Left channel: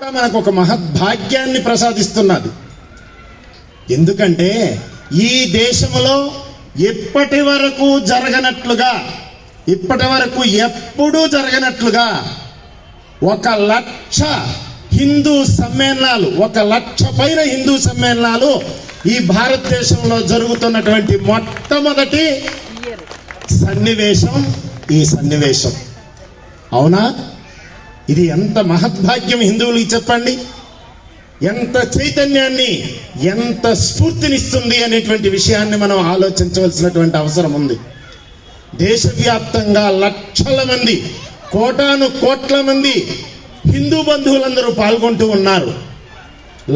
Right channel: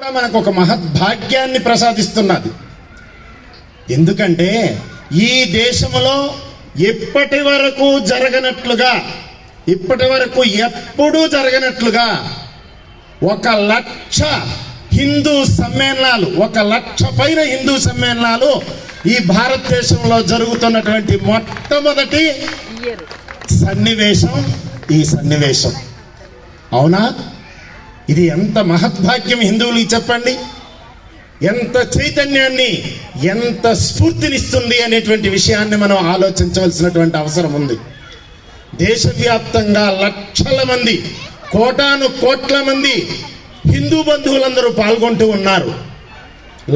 మనకు ఒక మహద్భాగ్యాన్ని ప్రసాదిస్తున్నది. ఎందుకంటే ఈ దేశంలో ఇప్పటి వరకు ఎప్పుడూ జరగనట్లుగా 1,00,000 హిందూ సమ్మేళనాలు, 1,00,000 పైన హిందూ సమ్మేళనాలు ఈ భారతదేశంలో జరుగుతున్నటువంటి మొట్టమొదటి సన్నివేశం ఈ సన్నివేశం. అవునా? ఇది ఎంత మహద్భాగ్యం హిందువులకి చెప్పండి. ఎంత చైతన్యాన్ని, ఎంత స్ఫూర్తినిస్తుంది అనేటువంటి విషయాన్ని మనం ఆలోచించవలసినటువంటి అవసరం ఉంది. దేశవ్యాప్తంగా లక్షల మంది, కోటాను కోట్ల మంది హిందూ బంధువులందరూ పాల్గొంటూ ఉన్నారు.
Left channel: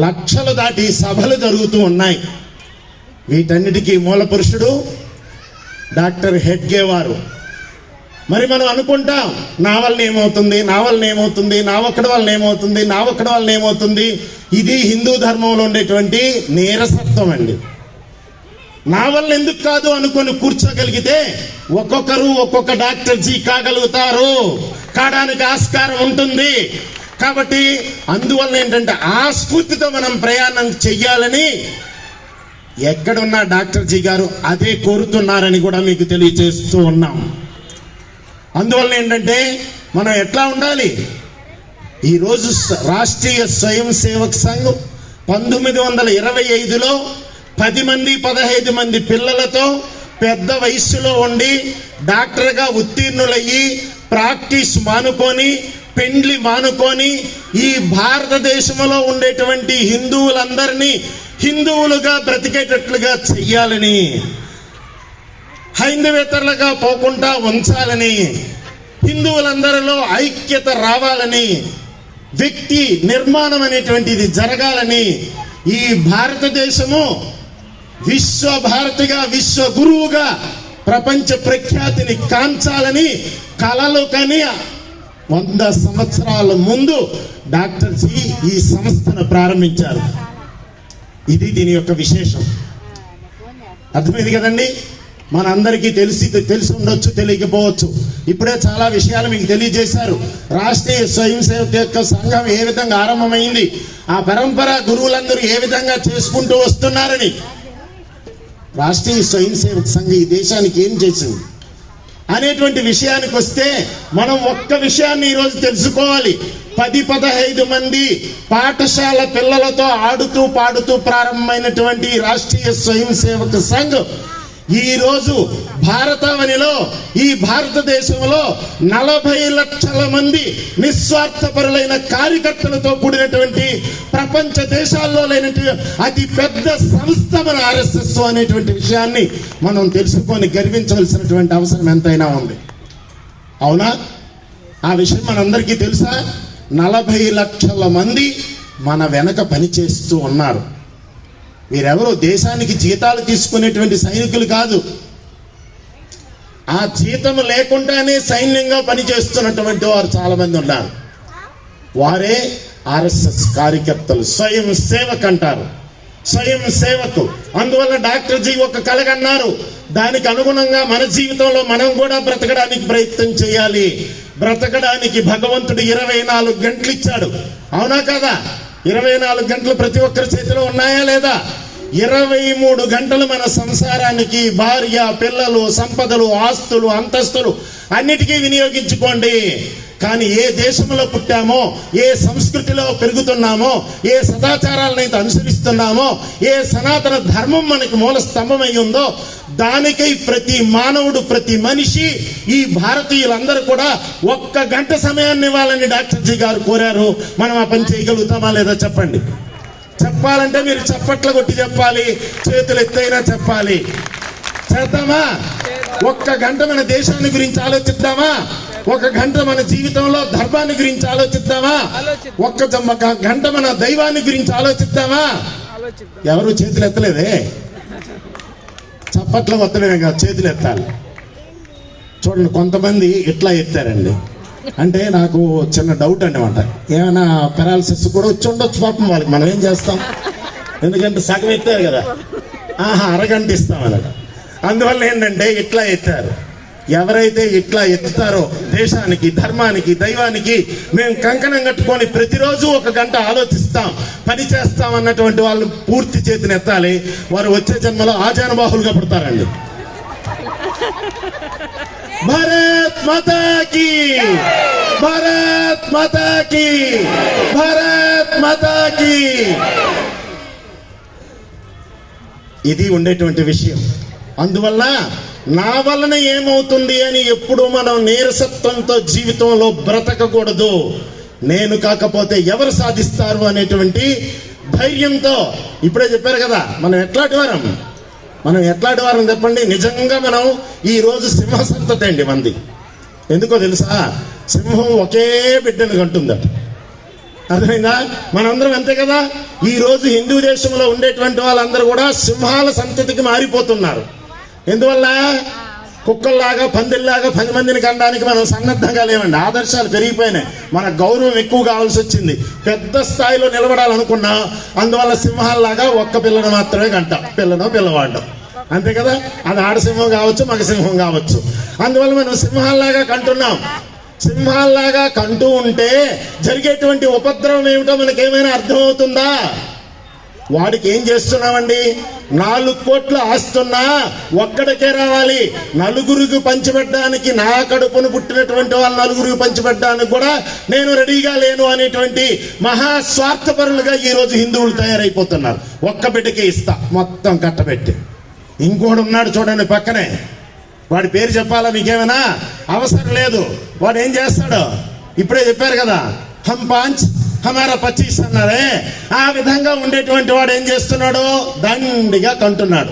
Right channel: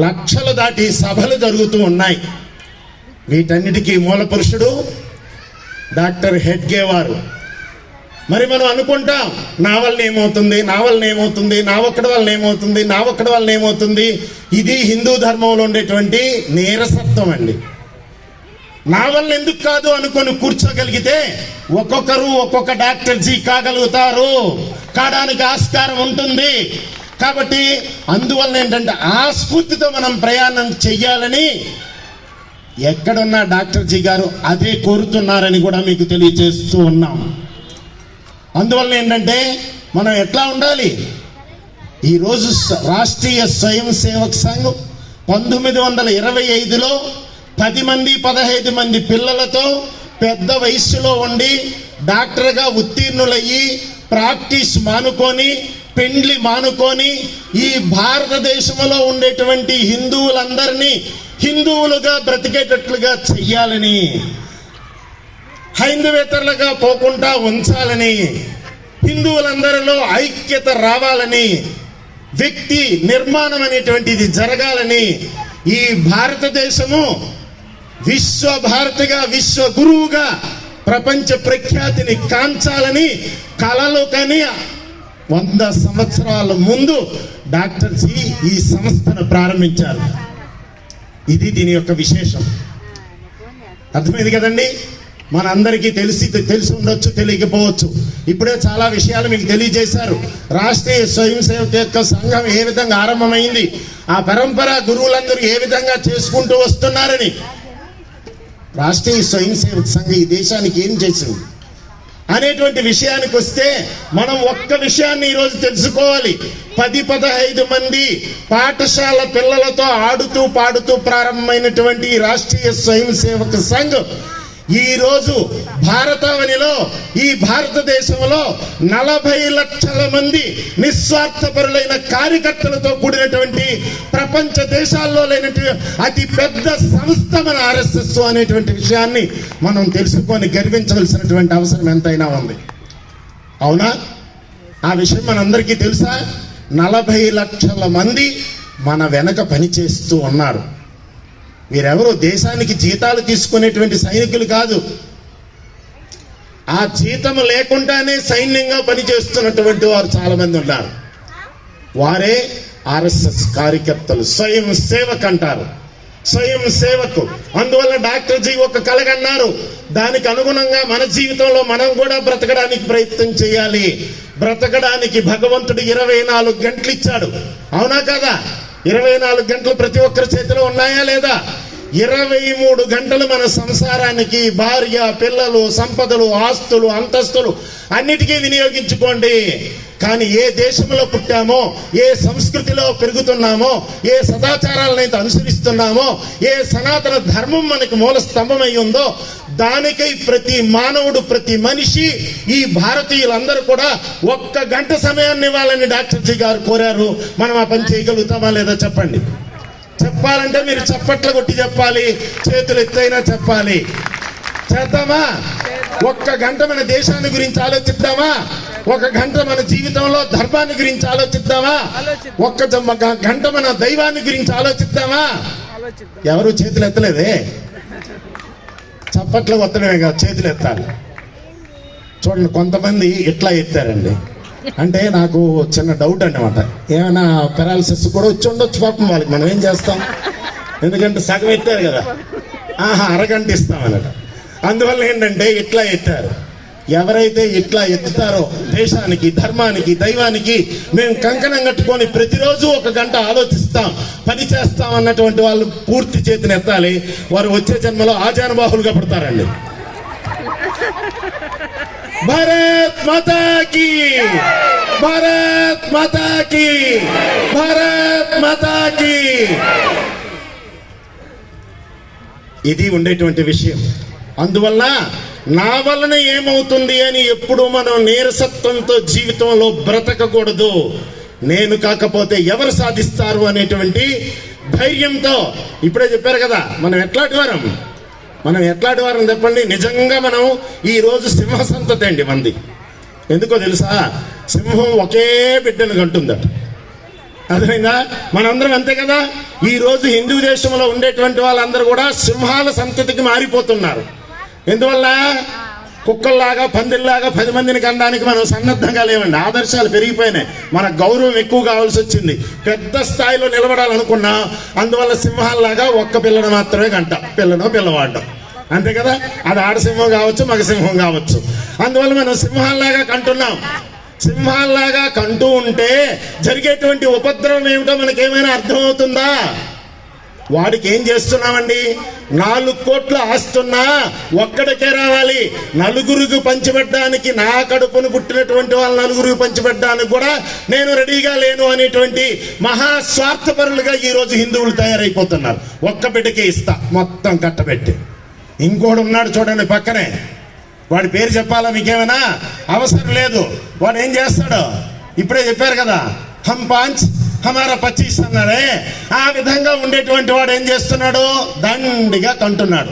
లక్షలు దాటి సభలు జరుగుతూ ఉన్నాయి. వీటన్నిటికీ మూల పురుషుడు డాక్టర్ హెడ్గే వారు. మరి మనం అనుకుంటాం, నా వల్ల ఏమవుతుంది, నా ఒక్కడి వల్ల ఏమవుతుంది. ఇది హిందూ ధర్మంలో ఉండేటువంటి నీరసత్వం అండి. నా వల్ల ఎందుకు కాదు అనుకొని కూర్చోగలిగితే ఒక్కొక్కరు ఒక్కొక్క డాక్టర్ జీ కాగలుగుతారు, కావడానికి ఆస్కారం ఉంటుంది. కాబట్టి అందువల్ల ఏంటంటే ఆ స్ఫూర్తితో మనం ప్రయాణం చెయ్యాలని ఎక్కడున్న డాక్టర్ జీ గారు అదే కోరుతున్నారని కూడా మీకు తెలియజేస్తూ ఉన్నాం. అందువల్ల ఏంటంటే మనం ఎట్లా ఉండాలి? ఈరోజు రాష్ట్రీయ స్వయం సేవక్ సంఘ్ 1925లో 10 మంది 15 మంది పిల్లలతో పెద్ద వయస్సులో ఉండి డాక్టర్గా ఉత్తీర్ణులయ్యి ప్రాక్టీస్ మానుకొని, పెండ్లి మానుకొని ఈ భారతదేశంలో ఉండేటువంటి హిందువులందరినీ హిందువులుగా బ్రతికేటట్లుగా చెయ్యాలని, హైందవేతరులుగా పోకుండా ఉంచాలని, హిందువులందరిలో ఐక్యత రావాలని, వ్యక్తి నిర్మాణం అనేటువంటిది జరగాలని, ఈ భారతదేశము విశ్వభారతిగా, విశ్వ గురువుగా ప్రపంచ ప్రఖ్యాతిని కాంచాలని కలలు కని 100 సంవత్సరాల ముందు డాక్టర్ జీ ఈ సంస్థను ప్రారంభించారు. ఇది దీని యొక్క విశేషం. అర్థమైంది కదండి? మనందరికీ తెలిసి ఉండొచ్చు, తెలియకపోవచ్చు. ఇప్పుడే చాలా విషయాలు మీకు తెలియజేశారు. రాష్ట్రీయ స్వయం సేవక యొక్క సంఘం ఏ విధంగా ఆరంభమైంది, ఆ పరంపర గురువులందరూ ఏ విధంగా చేసుకుంటూ వస్తున్నారని. రాష్ట్రీయ స్వయం సేవక సంఘం ఈ దేశానికి ఏం చేసింది అనేటువంటి విషయానికి వస్తే మనం ఒక్క విషయాన్ని ఈరోజు తెలుసుకోవాలి. 10-15 మంది పాఠశాల పిల్లలతో ఆడుతూ పాడుతూ ప్రారంభమైనటువంటి రాష్ట్రీయ స్వయం సేవక సంఘ్ ఈ రోజు భారతావనిలో, ఈ భారతదేశంలో 40 లక్షల మంది నిస్వార్థపరులైన కార్యకర్తలతో కూడినటువంటి ప్రపంచ దేశాల్లో లేనటువంటి అతి పెద్ద సంస్థ మన RSS అనేటువంటి విషయాన్ని మనం తెలుసుకొని గర్వించవలసినటువంటి అవసరం ఎంతైనా ఉంది. అవునా? ఆ విషయం మనందరికీ తెలుసా? 40 లక్షల మంది మన వెనక పనిచేస్తూ ఉన్నారు. వీరెవరో దేశానికి జీతాలు తీసుకునేటువంటి సైనికులు కాదు. ఆ జీతం లేకుండానే సైన్యంగా పనిచేస్తున్నటువంటి వారు చాలా మంది ఉన్నారు. వారే RSS కార్యకర్తలు, స్వయం సేవక్ అంటారు. స్వయం సేవకు. అందువల్ల డాక్టర్ జీ ఒక కలగన్నారు, దానికి అనుగుణంగా మన జీవితంలో మనం కూడా బ్రతకడానికి ప్రయత్నం చేయాలి. బ్రతకడానికి భగవంతుడు 24 గంటలు ఇచ్చాడు. అవునా కదా? 24 గంటలు ప్రతి ఒక్కరి చేతిలో ఉన్నాయా లేదా? 23 గంటలు మన సంసారానికి, భార్య, పిల్లలు, సంపదలు, ఆస్తులు, అంతస్తులు అన్నిటికీ వినియోగించుకోండి. కానీ ఏ దేశంలో పుట్టామో, ఏ సంస్కృతిలో పెరుగుతున్నామో, ఏ సదాచారాలనైతే అనుసరిస్తున్నామో, ఏ సనాతన ధర్మం మనకు మూల స్తంభమై ఉందో దానికై ప్రతి మానవుడు, ప్రతి మనిషి, ఈ భారతీయులందరూ కూడా 1 గంట సమయాన్ని ఇవ్వాలని డాక్టర్ జీ గారు కోరారు. మనం ఆ పని చేయగలుగుతామా లేదా చెప్పండి. చెప్పాలంటే మీరు చప్పట్లు కొట్టి చెప్పాలి, చేతులు ఎత్తైనా చెప్పాలి. చేద్దామా? 1 గంట మన దేశాన్ని గురించి ఆలోచిద్దామా? 1 గంట మన జీవితంలో ధర్మాన్ని గురించి ఆలోచిద్దామా? 1 గంట మన దైవాన్ని గురించి ఆలోచిద్దామా? ఎవరు చేతులు ఎత్తలేదే? చప్పట్లు కొత్తమే కాదు, చేతులు ఎత్తాలి. చూడండి, కొంతమంది ఇట్లా ఎత్తారండి. అంటే నాకు చిన్న డౌట్ అన్నమాట. ఏమైనా పెరాలసిస్ కూడా వచ్చి ఉండొచ్చు పాపం వాళ్ళకి. మనం ఏం చేస్తాం? ఎందుకంటే సగం ఎత్తారు కదా, అరగంట ఇస్తాం అన్నమాట. అందువల్ల ఏంటంటే ఇట్లా ఎత్తారు. ఎవరైతే ఇట్లా ఎత్తుతారో దేశానికి, ధర్మానికి, దైవానికి మేము కంకణం కట్టుకొని ప్రతిరోజు 1 గంట ఆలోచిస్తాం, పని చేస్తాం అన్నటువంటి వాళ్ళు పూర్తి చేతిని ఎత్తాలి. వారు వచ్చే జన్మలో ఆజానుబాహులుగా పడతారండి. భారత్ మాతాకి, భారత్ మాతాకి, భారత్ మాతాకి. ఇది ఉండేటువంటి విషయం. అందువల్ల నా వలన ఏమవుతుంది అని ఎప్పుడు మనం నీరసత్వంతో జీవితంలో బ్రతకకూడదు. నేను కాకపోతే ఎవరు సాధిస్తారు అనేటువంటి ధైర్యంతో, ఇప్పుడే చెప్పారు కదా మనం ఎట్లాంటి వారం చెప్పండి. నిజంగా మనం ఈ రోజు సింహ సంతతి అండి మంది. ఎందుకో తెలుసా? సింహం ఒకే బిడ్డను కంటుందట. అర్థమైందా? మనందరం అంతే కదా. ఈ రోజు హిందూ దేశంలో ఉండేటువంటి వాళ్ళందరూ కూడా సింహాల సంతతికి మారిపోతున్నారు. ఎందువల్ల? కుక్కల్లాగా, పందిల్లాగా 10 మందిని కనడానికి మనం సన్నద్ధంగా లేవండి. ఆదర్శాలు పెరిగిపోయినాయి, మన గౌరవం ఎక్కువ కావాల్సి వచ్చింది, పెద్ద స్థాయిలో నిలబడాలనుకున్నా. అందువల్ల సింహాల్లాగా ఒక్క పిల్లను మాత్రమే కంట, పిల్లనో పిల్లవాడు, అంతే కదా. అది ఆడసింహం కావచ్చు, మగ సింహం కావచ్చు. అందువల్ల మనం సింహాల్లాగా కంటున్నాం. సింహాల్లాగా కంటూ ఉంటే జరిగేటువంటి ఉపద్రవం ఏమిటో మనకేమైనా అర్థమవుతుందా? వాడికి ఏం చేస్తున్నామండి? 4 కోట్లు ఆస్తున్నా ఒక్కడికే రావాలి. నలుగురికి పంచిపెట్టడానికి, నా కడుపును పుట్టినటువంటి వాళ్ళు నలుగురికి పంచిపెట్టడానికి కూడా నేను రెడీగా లేను అనేటువంటి మహాస్వార్థపరులుగా ఈ రోజు హిందువులు తయారైపోతున్నారు. ఒక్క బిడ్డకి ఇస్తా మొత్తం కట్టబెట్టి. ఇంకోడు ఉన్నాడు చూడండి పక్కనే, వాడి పేరు చెప్పాలా మీకేమైనా అవసరం లేదు. వాడు ఏం చేస్తాడు? ఇప్పుడే చెప్పారు కదా, హమ్ 5 హమారా 25 అన్నారే. ఆ విధంగా ఉండేటువంటి వాడు ఏం చేస్తున్నాడు? దండిగా కంటున్నాడు.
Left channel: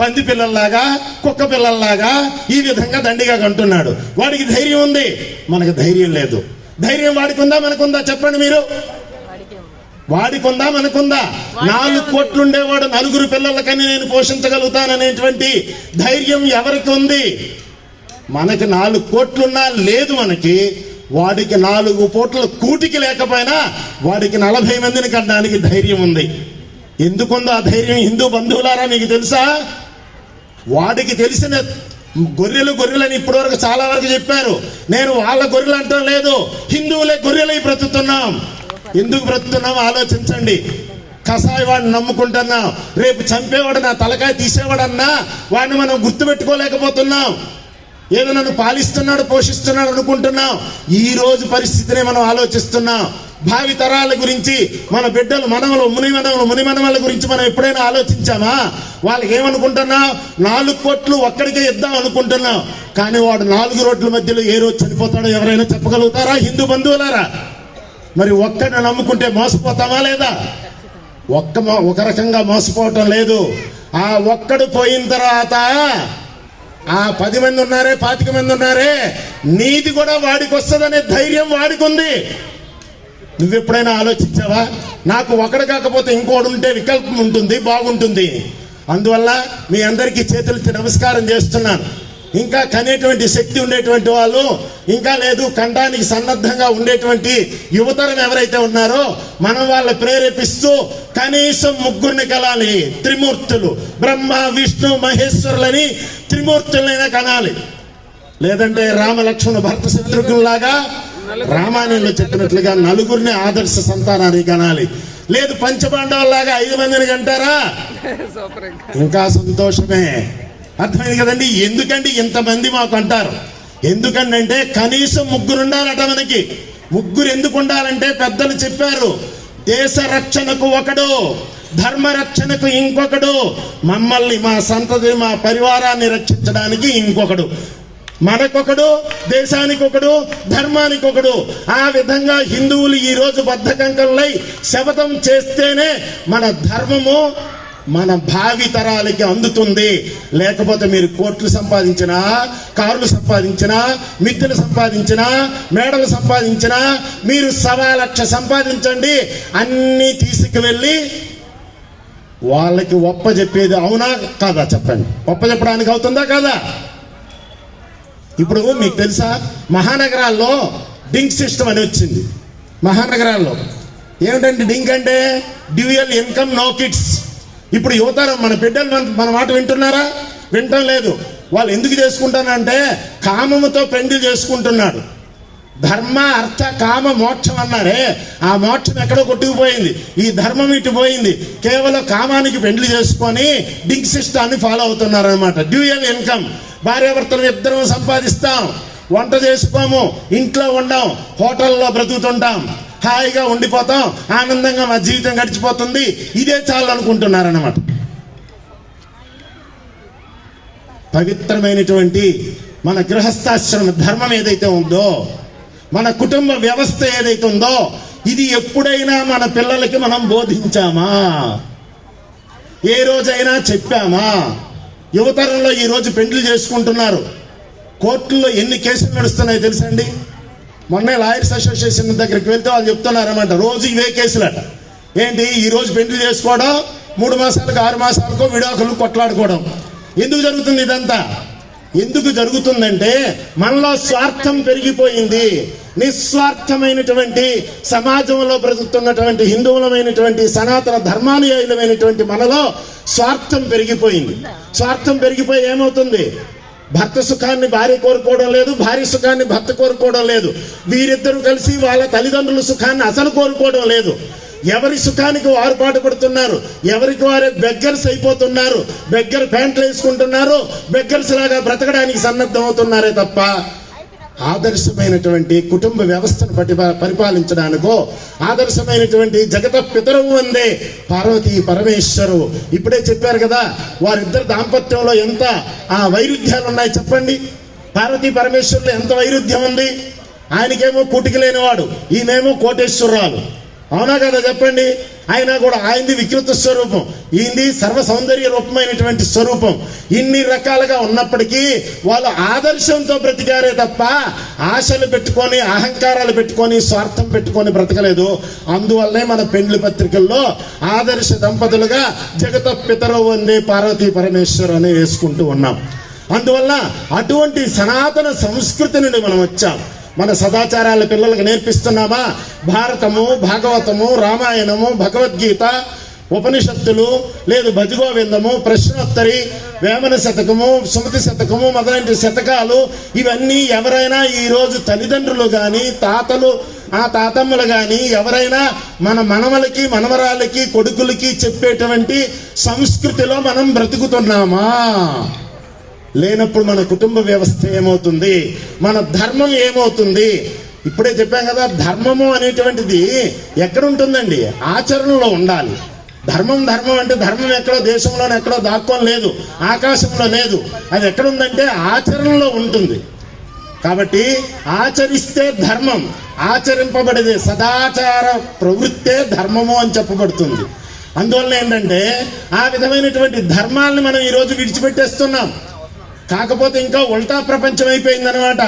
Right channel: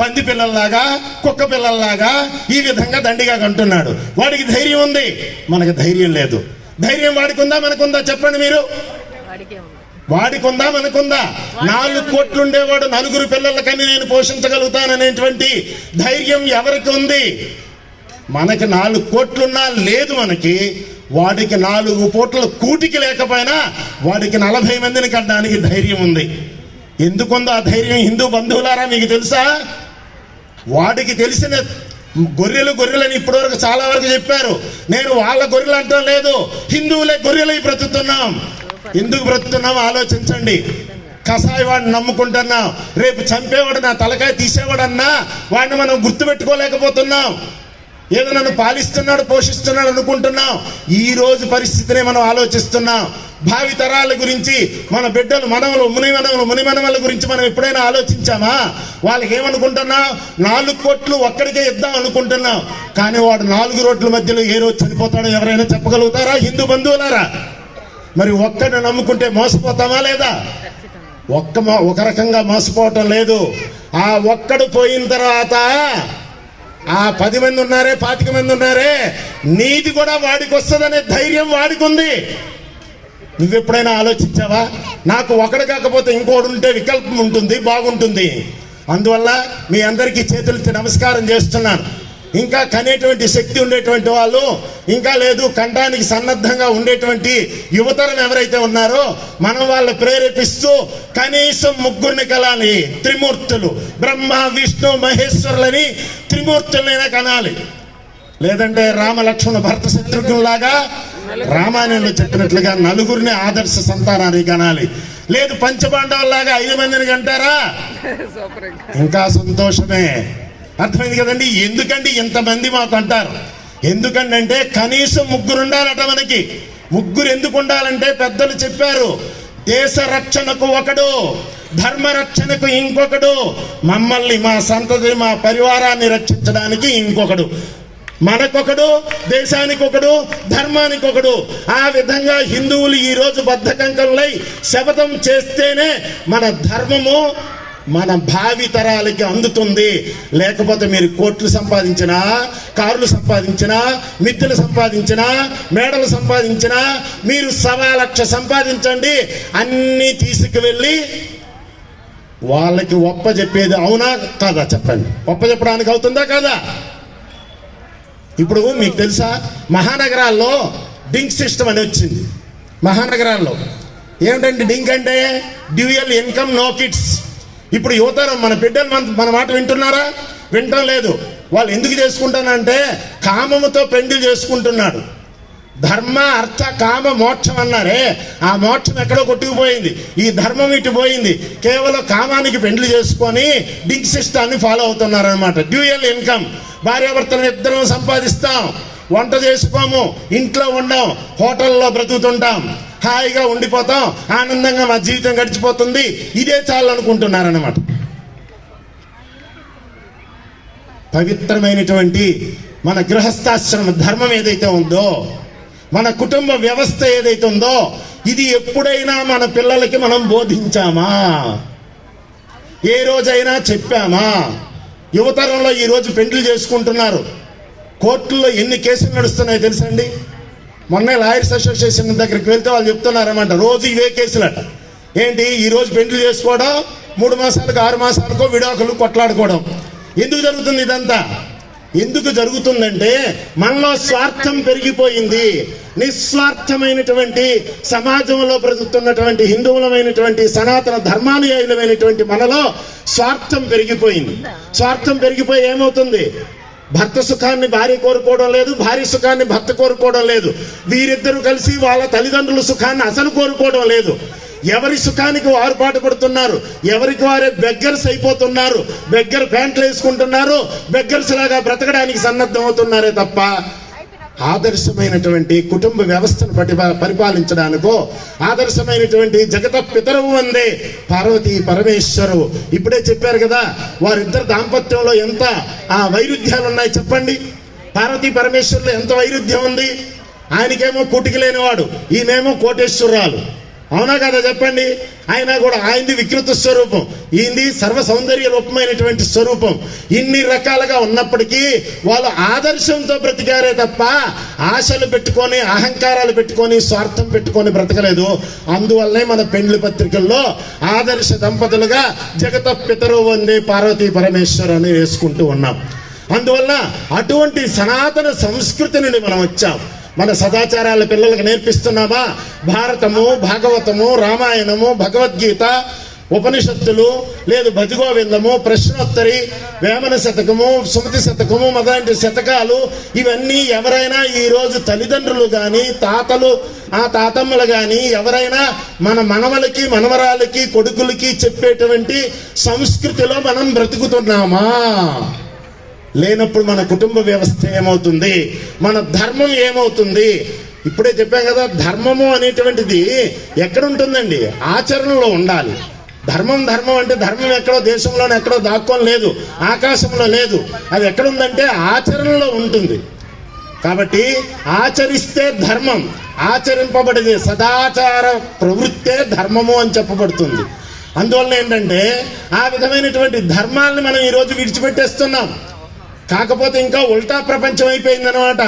పంది పిల్లల్లాగా, కుక్క పిల్లల్లాగా ఈ విధంగా దండిగా కంటున్నాడు. వాడికి ధైర్యం ఉంది, మనకు ధైర్యం లేదు. ధైర్యం వాడికుందా మనకుందా చెప్పండి మీరు? వాడికుందా మనకుందా? 4 కోట్లు ఉండేవాడు 4 పిల్లలకని నేను పోషించగలుగుతాననేటువంటి ధైర్యం ఎవరికి ఉంది? మనకి 4 కోట్లున్నా లేదు మనకి. వాడికి 4 కోట్ల కూటికి లేకపోయినా వాడికి 40 మందిని కట్టడానికి ధైర్యం ఉంది. ఎందుకుందో ఆ ధైర్యం? హిందూ బంధువులారా మీకు తెలుసా? వాడికి తెలిసిన గొర్రెలని ఇప్పటివరకు చాలా వరకు చెప్పారు. నేను వాళ్ళ గొర్రెలు అంటాం లేదు, హిందువులే గొర్రెలై బ్రతుకుతున్నాం. ఎందుకు బ్రతుకుతున్నాం ఆలోచించండి. కసాయి వాడిని నమ్ముకుంటున్నాం, రేపు చంపేవాడు నా తలకాయ తీసేవాడన్నా వాడిని మనం గుర్తుపెట్టుకోలేకపోతున్నాం. ఏదో నన్ను పాలిస్తున్నాడు, పోషిస్తున్నాడు అనుకుంటున్నాం. ఈ రోజు పరిస్థితిని మనం ఆలోచిస్తున్నాం. భావి తరాల గురించి, మన బిడ్డలు, మనవలు, మునిమనవల గురించి మనం ఎప్పుడైనా ఆలోచించామా? వాళ్ళకి ఏమనుకుంటున్నాం? 4 కోట్లు ఒక్కడికే ఇద్దాం అనుకుంటున్నాం. కానీ వాడు 4 రోడ్ల మధ్యలో ఏ రోజు చనిపోతాడో ఎవరైనా చెప్పగలుగుతారా హిందూ బంధువులారా? మరి ఒక్కడిని నమ్ముకుంటే మోసపోతామా లేదా? ఒక రకంగా మోసపోవటం లేదు. ఆ ఒక్కడు పోయిన తర్వాత ఆ 10 మంది ఉన్నారే, 25 మంది ఉన్నారే, నీది కూడా వాడికి వస్తుందనే ధైర్యం వాడికి ఉంది. నువ్వెప్పుడైనా ఆలోచించావా? నాకు ఒకడు కాకపోతే ఇంకోడు ఉంటే వికల్పం ఉంటుంది, బాగుంటుంది. అందువల్ల మీ అందరికీ చేతులెత్తి నమస్కారం చేస్తున్నాను. ఇంకా కనేటువంటి శక్తి ఉండేటువంటి వాళ్ళు, ఇంకా లేదు కండానికి సన్నద్ధంగా ఉండేటువంటి యువతరం ఎవరైతే ఉన్నారో మనం వాళ్ళని ప్రేరేపిస్తూ కనీసం 3 కనాలి. త్రిమూర్తులు, బ్రహ్మ, విష్ణు, మహేశ్వరులని త్రిమూర్తులైనా కనాలి. లేదంటే రామ, లక్ష్మణ, భరత, శత్రుఘ్నులాగా రామాయణంలో చెప్పినట్లుగా 4 ఆదర్శ సంతానాన్ని కనాలి. లేదు పంచపాండవులాగా 5 మందిని కంటారా? ఇంకా సంతోషమే. అర్థమైంది కదండి. ఎందుకండి ఇంతమంది మాకు అంటారు? ఎందుకంటే కనీసం 3 ఉండాలట మనకి. 3 ఎందుకు ఉండాలంటే పెద్దలు చెప్పారు, దేశ రక్షణకు ఒకడు, ధర్మ రక్షణకు ఇంకొకడు, మమ్మల్ని, మా సంతతి, మా పరివారాన్ని రక్షించడానికి ఇంకొకడు, మనకొకడు, దేశానికి ఒకడు, ధర్మానికి ఒకడు. ఆ విధంగా హిందువులు ఈ రోజు బద్ధకంకరులై శపథం చేస్తేనే మన ధర్మము మన భావి తరాలకి అందుతుంది. లేకపోతే మీరు కోట్లు సంపాదించినా, కార్లు సంపాదించినా, మిద్దెలు సంపాదించినా, మేడలు సంపాదించినా, మీరు 1.25 లక్ష సంపాదించండి, అన్ని తీసుకువెళ్ళి వాళ్ళకి ఒప్ప చెప్పేది అవునా కాదా చెప్పండి? ఒప్ప చెప్పడానికి అవుతుందా కాదా? ఇప్పుడు మీకు తెలుసా, మహానగరాల్లో డింక్ సిస్టమ్ అని వచ్చింది. మహానగరాల్లో ఏమిటంటే డింక్ అంటే డ్యూయల్ ఇన్కమ్ నో కిడ్స్. ఇప్పుడు యువతరం, మన బిడ్డలు మన మాట వింటున్నారా? వింటం లేదు. వాళ్ళు ఎందుకు చేసుకుంటానంటే కామముతో పెండ్లి చేసుకుంటున్నాడు. ధర్మ అర్థ కామ మోక్షం అన్నారే, ఆ మోక్షం ఎక్కడో కొట్టుకుపోయింది. ఈ ధర్మం ఇటు పోయింది. కేవలం కామానికి పెండ్లి చేసుకొని డింక్ సిస్టాన్ని ఫాలో అవుతున్నారు అనమాట. డ్యూయల్ ఇన్కమ్, భార్యాభర్తలు ఇద్దరం సంపాదిస్తాం, వంట చేసుకోము, ఇంట్లో ఉండం, హోటల్లో బ్రతుకుతుంటాం, హాయిగా ఉండిపోతాం, ఆనందంగా మా జీవితం గడిచిపోతుంది, ఇదే చాలు అనుకుంటున్నారన్నమాట. పవిత్రమైనటువంటి మన గృహస్థాశ్రమ ధర్మం ఏదైతే ఉందో, మన కుటుంబ వ్యవస్థ ఏదైతే ఉందో, ఇది ఎప్పుడైనా మన పిల్లలకి మనం బోధించామా? ఏ రోజైనా చెప్పామా? యువతరంలో ఈ రోజు పెండ్లి చేసుకుంటున్నారు. కోర్టుల్లో ఎన్ని కేసులు నడుస్తున్నాయి తెలుసండి? మొన్న లాయర్స్ అసోసియేషన్ దగ్గరికి వెళ్తే వాళ్ళు చెప్తున్నారన్నమాట, రోజు ఇవే కేసులట. ఏంటి, ఈ రోజు పెండ్లి చేసుకోవడం, 3 మాసాలకు 6 మాసాలకో విడాకులు కొట్లాడుకోవడం. ఎందుకు జరుగుతుంది ఇదంతా? ఎందుకు జరుగుతుందంటే మనలో స్వార్థం పెరిగిపోయింది. నిస్వార్థమైనటువంటి సమాజంలో బ్రతుకుతున్నటువంటి హిందువులమైనటువంటి సనాతన ధర్మానుయాయులమైనటువంటి మనలో స్వార్థం పెరిగిపోయింది. స్వార్థం పెరిగిపోయి ఏమవుతుంది? భర్త సుఖాన్ని భార్య కోరుకోవడం లేదు, భార్య సుఖాన్ని భర్త కోరుకోవడం లేదు, వీరిద్దరూ కలిసి వాళ్ళ తల్లిదండ్రుల సుఖాన్ని అసలు కోరుకోవడం లేదు. ఎవరి సుఖానికి వారు పాటుపడుతున్నారు, ఎవరికి వారే బెగ్గర్స్ అయిపోతున్నారు, బెగ్గర్ ప్యాంట్లు వేసుకుంటున్నారు, బెగ్గర్స్ లాగా బ్రతకడానికి సన్నద్ధం అవుతున్నారే తప్ప ఆదర్శమైనటువంటి కుటుంబ వ్యవస్థను పరిపాలించడానికో, ఆదర్శమైనటువంటి జగత పితరవు అందే పార్వతీ పరమేశ్వరు. ఇప్పుడే చెప్పారు కదా, వారిద్దరు దాంపత్యంలో ఎంత వైరుధ్యాలు ఉన్నాయి చెప్పండి. పార్వతీ పరమేశ్వరులో ఎంత వైరుధ్యం ఉంది? ఆయనకేమో కూటికి లేనివాడు, ఈయనేమో కోటేశ్వరాలు. అవునా కదా చెప్పండి? అయినా కూడా ఆయనది వికృత స్వరూపం, ఈయనది సర్వ సౌందర్య రూపమైనటువంటి స్వరూపం. ఇన్ని రకాలుగా ఉన్నప్పటికీ వాళ్ళు ఆదర్శంతో బ్రతికారే తప్ప ఆశలు పెట్టుకొని, అహంకారాలు పెట్టుకొని, స్వార్థం పెట్టుకొని బ్రతకలేదు. అందువల్లనే మన పెండ్లి పత్రికల్లో ఆదర్శ దంపతులుగా జగత పితరవు వందే పార్వతీ పరమేశ్వరు అని వేసుకుంటూ ఉన్నాం. అందువల్ల అటువంటి సనాతన సంస్కృతి నుండి మనం వచ్చాం. మన సదాచారాల పిల్లలకు నేర్పిస్తున్నామా? భారతము, భాగవతము, రామాయణము, భగవద్గీత, ఉపనిషత్తులు, లేదు భజగోవిందము, ప్రశ్నోత్తరి, వేమన శతకము, సుమతి శతకము మొదలైన శతకాలు, ఇవన్నీ ఎవరైనా ఈ రోజు తల్లిదండ్రులు గాని, తాతలు, ఆ తాతమ్మలు గాని ఎవరైనా మన మనవలకి, మనవరాలకి, కొడుకులకి చెప్పేటువంటి సంస్కృతిలో మనం బ్రతుకుతున్నామా? లేనప్పుడు మన కుటుంబ వ్యవస్థ ఏమవుతుంది? మన ధర్మం ఏమవుతుంది? ఇప్పుడే చెప్పాం కదా, ధర్మము అనేటువంటిది ఎక్కడ ఉంటుందండి? ఆచరణలో ఉండాలి. ధర్మం అంటే ధర్మం ఎక్కడో దేశంలోనే ఎక్కడో దాక్కొని లేదు, ఆకాశంలో లేదు. అది ఎక్కడుందంటే ఆచరణలో ఉంటుంది. కాబట్టి ఆచరిస్తే ధర్మం, ఆచరింపబడేది సదాచార ప్రవృత్తే ధర్మము అని చెప్పబడుతుంది. అందువల్ల ఏంటంటే ఆ విధమైనటువంటి ధర్మాన్ని మనం ఈరోజు విడిచిపెట్టేస్తున్నాం. కాకపోతే ఇంకా ఉల్టా ప్రపంచం అయిపోయిందనమాట.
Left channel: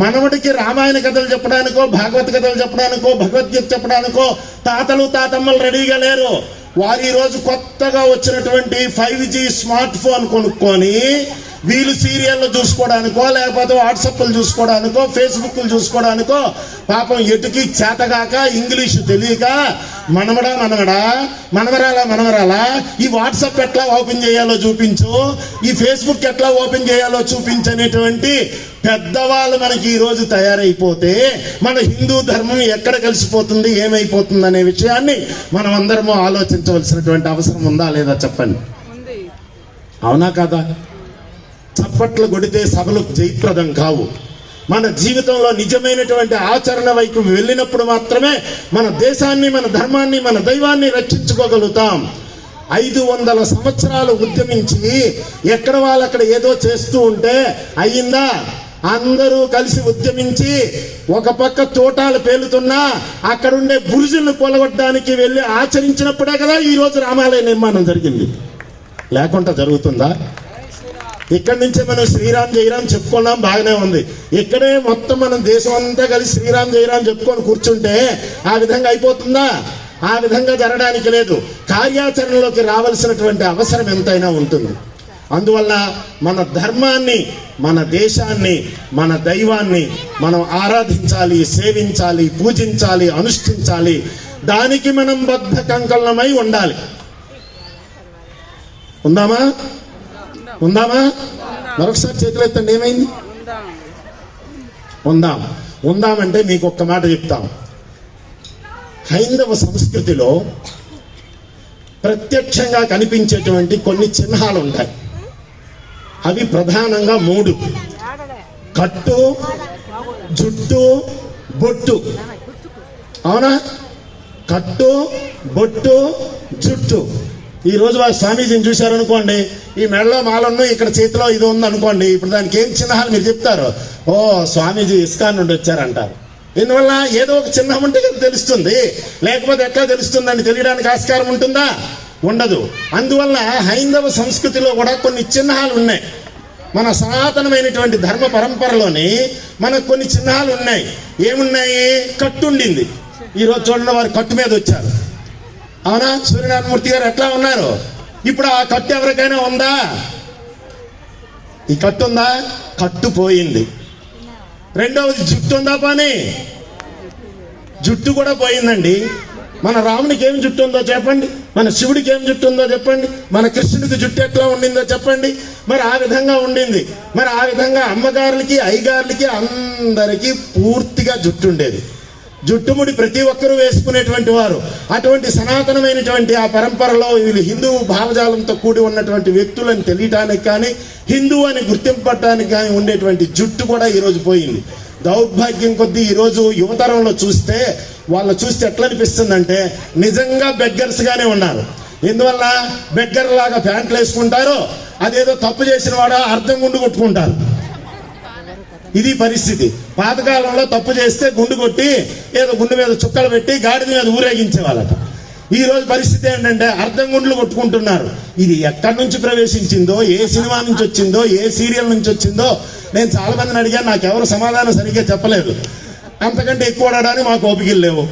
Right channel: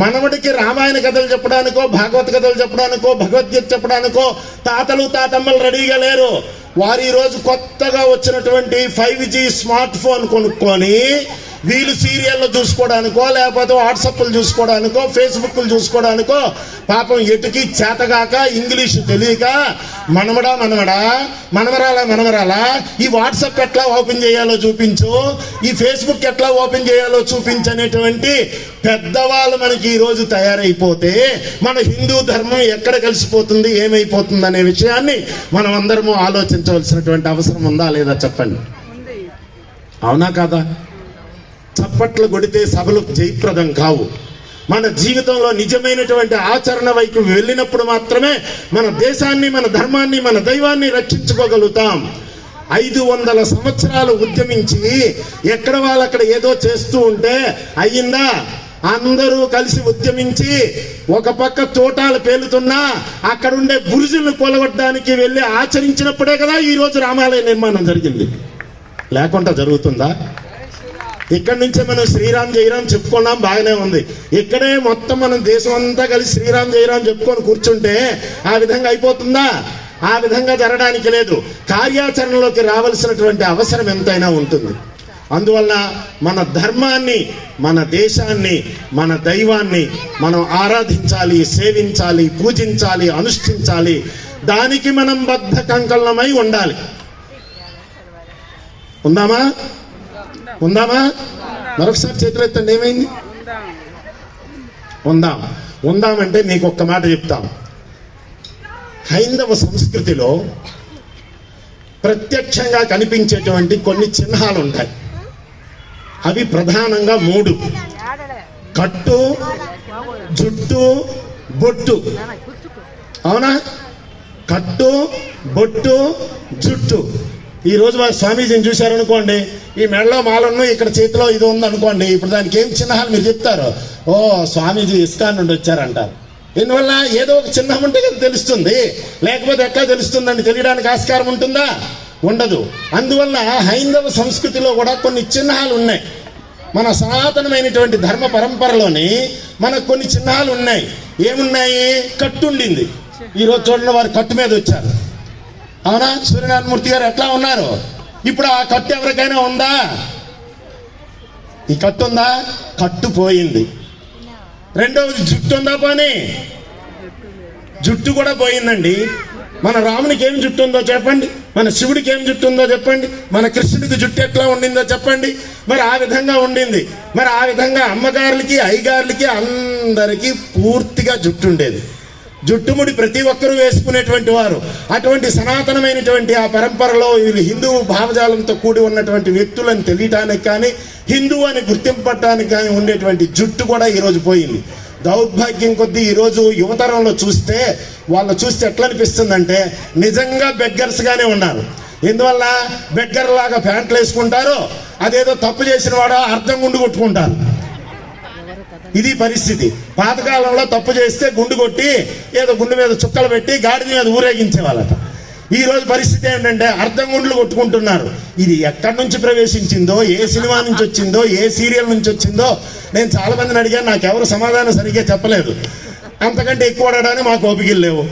మనవడికి రామాయణ కథలు చెప్పడానికో, భాగవత కథలు చెప్పడానికో, భగవద్గీత చెప్పడానికో తాతలు తాతమ్మలు రెడీగా లేరు. వారు ఈ రోజు కొత్తగా వచ్చినటువంటి 5G స్మార్ట్ ఫోన్ కొనుక్కొని వీళ్ళు సీరియల్లో చూసుకోవడానికో, లేకపోతే వాట్సాప్లు చూసుకోవడానికో, ఫేస్బుక్లు చూసుకోవడానికో పాపం ఎటుకి చేతగాక, ఇంగ్లీష్ తెలియక మనవరాలా ఈ వాట్సాప్ ఎట్లా ఓపెన్ చేయాలో చూపించు, ఈ ఫేస్బుక్ ఎట్లా ఓపెన్ చేయాలో చూపించు అనేటువంటి పెద్దవాళ్ళు మనకి ఈ రోజు తయారైపోతే మన హిందూ ధర్మం ఎక్కడ కలిసిపోతుంది, ఏమైపోతుంది అనే విషయాన్ని మనం అందరము ఆలోచించవలసినటువంటి అవసరం ఉందా లేదా చెప్పండి. అవునా కాదా? చప్పట్లు కొడితే సభలు జయప్రదం కావు. మన జీవితంలో నిజమైనటువంటి ఆచరణ వైపు వెళ్ళినప్పుడు మాత్రమే మన దేశాన్ని, మన ధర్మాన్ని, మన దైవాన్ని రక్షించుకోగలుగుతాం. 500 సంవత్సరాలు ఉద్యమించి ఎక్కడ వాళ్ళక్కడ ఏదో చేస్తూ ఉంటే అయ్యిందా? అందరూ కలిసి ఉద్యమించి ఒక పక్క తోటాలు పేలుతున్నా అక్కడుండే బురుజులను కొలగొట్టడానికి వెళ్ళి ఆచరించినప్పుడే కదా ఈ రోజు రామాలయ నిర్మాణం జరిగింది. లేకుండా జరుగుతుందా? ఇక్కడి నుంచే మనం శ్రీరామ్ జయరామ్ చెప్పుకున్నాం, బాగానే ఉంది. ఇక్కడే మొత్తం మనం దేశం అంతా కలిసి శ్రీరామ్ జయరామ్ చెప్పుకొని కూర్చుంటే ఆ విధంగా అయిపోతుందా? ఆ విధంగా జరగడానికి లేదు. కార్యాచరణలోకి రావాల్సినటువంటి అవసరం ఎంతైనా ఉంటుంది. అందువల్ల మన ధర్మాన్ని, మన దేశాన్ని, మన దైవాన్ని మనం ఆరాధించాలి, సేవించాలి, పూజించాలి, అనుష్ఠించాలి. దానికి మనం బద్ధ కంకణమై ఉండాలి. ఉందామా? మరొకసారి చేతులు ఎత్తండి. ఏమైంది? ఉందాం. ఉందామంటే మీకు ఒక్క మాట చెప్తాం. హైందవ సంస్కృతిలో ప్రత్యక్షంగా కనిపించేటువంటి కొన్ని చిహ్నాలు ఉంటాయి. అవి ప్రధానంగా 3: కట్టు, జుట్టు, బొట్టు. అవునా? కట్టు, బొట్టు, జుట్టు. ఈ రోజు వారు స్వామీజీని చూశారనుకోండి, ఈ మెడలో మాలను, ఇక్కడ చేతిలో ఇది ఉంది అనుకోండి, ఇప్పుడు దానికి ఏం చిహ్నాలు మీరు చెప్తారు? ఓ స్వామీజీ ఇస్కాన్ నుండి వచ్చారంటారు. ఎందువల్ల? ఏదో ఒక చిహ్నం ఉంటే తెలుస్తుంది, లేకపోతే ఎట్లా తెలుస్తుందని తెలియడానికి ఆస్కారం ఉంటుందా? ఉండదు. అందువల్ల హైందవ సంస్కృతిలో కూడా కొన్ని చిహ్నాలు ఉన్నాయి. మన సనాతనమైనటువంటి ధర్మ పరంపరలోని మనకు కొన్ని చిహ్నాలు ఉన్నాయి. ఏమున్నాయి? కట్టు ఉండింది. ఈరోజు చూడండి, వారు కట్టు మీద వచ్చారు. అవునా? సూర్యనారాయణమూర్తి గారు ఎట్లా ఉన్నారు? ఇప్పుడు ఆ కట్టు ఎవరికైనా ఉందా? ఈ కట్టు ఉందా? కట్టు పోయింది. రెండవది జుట్టు ఉందా? పోనీ జుట్టు కూడా పోయిందండి. మన రామునికి ఏం జుట్టు ఉందో చెప్పండి, మన శివుడికి ఏం జుట్టు ఉందో చెప్పండి, మన కృష్ణుడికి జుట్టు ఎట్లా ఉండిందో చెప్పండి. మరి ఆ విధంగా ఉండింది. మరి ఆ విధంగా అమ్మగారులకి, అయ్యగారులకి అందరికీ పూర్తిగా జుట్టు ఉండేది. జుట్టుముడి ప్రతి ఒక్కరూ వేసుకునేటువంటి వారు. అటువంటి సనాతనమైనటువంటి ఆ పరంపరలో వీళ్ళు హిందూ భావజాలంతో కూడి ఉన్నటువంటి వ్యక్తులను తెలియటానికి కానీ, హిందూ అని గుర్తింపడానికి కానీ ఉండేటువంటి జుట్టు కూడా ఈరోజు పోయింది. దౌర్భాగ్యం కొద్దీ ఈరోజు యువతరంలో చూస్తే, వాళ్ళు చూస్తే ఎట్లా అనిపిస్తుందంటే నిజంగా బెగ్గర్స్ గానే ఉన్నారు. ఎందువల్ల? బెగ్గర్ లాగా ప్యాంట్లు వేసుకుంటారు, అదేదో తప్పు చేసిన వాడు అర్థం గుండు కొట్టుకుంటారు. ఇది పరిస్థితి. పాతకాలంలో తప్పు చేస్తే గుండు కొట్టి ఏదో గుండు మీద చుక్కలు పెట్టి గాడిద మీద ఊరేగించేవాళ్ళట. ఈ రోజు పరిస్థితి ఏంటంటే అర్థం గుండ్లు కొట్టుకుంటున్నారు. ఇది ఎక్కడి నుంచి ప్రవేశించిందో, ఏ సినిమా నుంచి వచ్చిందో, ఏ సీరియల్ నుంచి వచ్చిందో నేను చాలా మందిని అడిగాను. నాకెవరు సమాధానం సరిగ్గా చెప్పలేదు. అంతకంటే ఎక్కువ అడగడానికి మాకు ఓపికలు లేవు.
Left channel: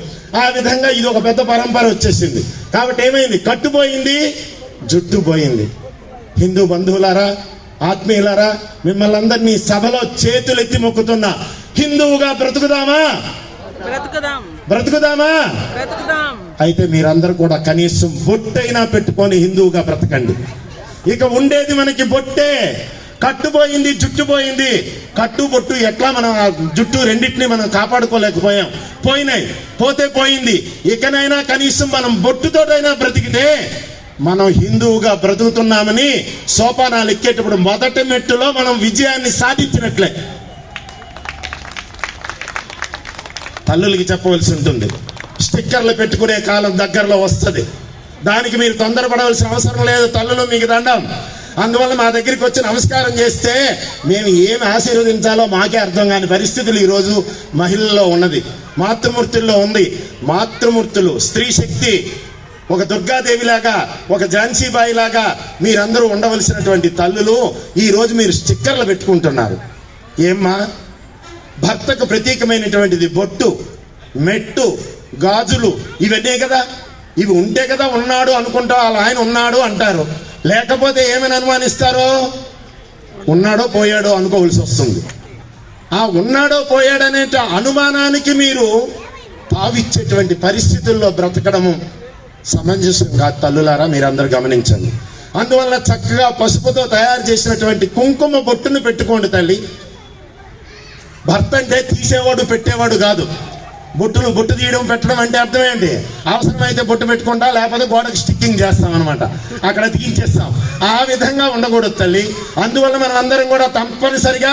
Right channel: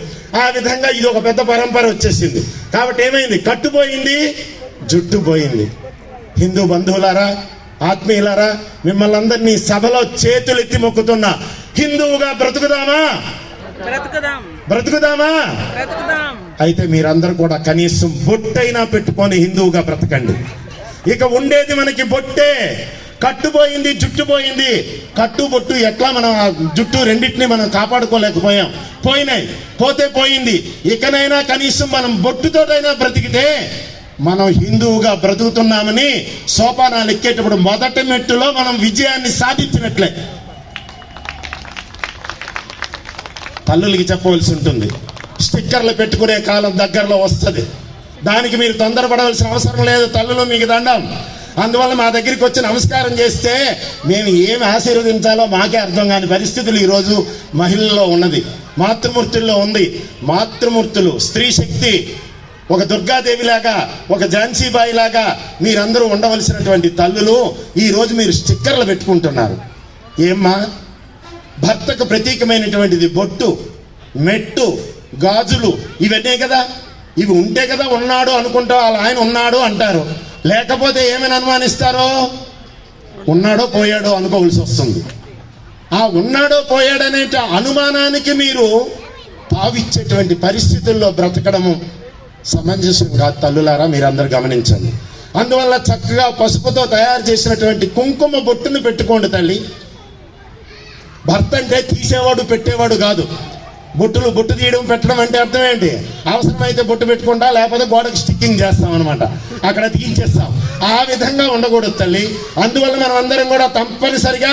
ఆ విధంగా ఇది ఒక పెద్ద పరంపర వచ్చేసింది. కాబట్టి ఏమైంది? కట్టుపోయింది, జుట్టు పోయింది. హిందూ బంధువులారా, ఆత్మీయులారా, మిమ్మల్ని అందరినీ సభలో చేతులెత్తి మొక్కుతున్నా, హిందువుగా బ్రతుకుదామా? బ్రతుకుదామా? అయితే మీరందరూ కూడా కనీసం బొట్టైనా పెట్టుకొని హిందువుగా బ్రతకండి. ఇక ఉండేది మనకి బొట్టే. కట్టుపోయింది, జుట్టు పోయింది. కట్టు బొట్టు ఎట్లా మనం జుట్టు రెండింటినీ మనం కాపాడుకోలేకపోయాం. పోయినాయి, పోతే పోయింది. ఇకనైనా కనీసం మనం బొట్టుతోటైనా బ్రతికితే మనం హిందువుగా బ్రతుకుతున్నామని సోపానాలు ఎక్కేటప్పుడు మొదటి మెట్టులో మనం విజయాన్ని సాధించినట్లే. తల్లులకి చెప్పవలసి ఉంటుంది, స్టిక్కర్లు పెట్టుకునే కాలం దగ్గరలో వస్తుంది. దానికి మీరు తొందరపడవలసిన అవసరం లేదు. తల్లులు మీకు దండం. అందువల్ల మా దగ్గరికి వచ్చి నమస్కారం చేస్తే మేము ఏమి ఆశీర్వదించాలో మాకే అర్థం కాని పరిస్థితులు ఈరోజు మహిళల్లో ఉన్నది, మాతృమూర్తుల్లో ఉంది. మాతృమూర్తులు, స్త్రీ శక్తి, ఒక దుర్గాదేవిలాగా, ఒక ఝాన్సీబాయి లాగా మీరందరూ ఉండవలసినటువంటి తల్లులు ఈ రోజు మీరు స్టిక్కర్లు పెట్టుకుంటున్నారు. ఏమ్మా? భర్తకు ప్రతీకమైనటువంటిది బొట్టు, మెట్టు, గాజులు ఇవన్నీ కదా. ఇవి ఉంటే కదా ఉన్నాడు అనుకుంటా, అలా ఆయన ఉన్నాడు అంటారు. లేకపోతే ఏమని అనుమానిస్తారో? ఉన్నాడో పోయాడో అనుకోవలసి వస్తుంది. ఆ ఉన్నాడో పోయాడనే అనుమానానికి మీరు తావిచ్చేటువంటి పరిస్థితుల్లో బ్రతకడము సమంజసం కాదు. తల్లులారా, మీరందరూ గమనించండి. అందువల్ల చక్కగా పసుపుతో తయారు చేసినటువంటి కుంకుమ బొట్టును పెట్టుకోండి తల్లి. భర్త అంటే తీసేవాడు పెట్టేవాడు కాదు. బొట్టు తీయడం పెట్టడం అంటే అర్థం ఏంటి? అవసరమైతే బొట్టు పెట్టుకుంటా, లేకపోతే గోడకు స్టిక్కింగ్ చేస్తాం అనమాట, అక్కడ తీయించేస్తాం. ఆ విధంగా ఉండకూడదు తల్లి. అందువల్ల మనం అందరం కూడా తప్పనిసరిగా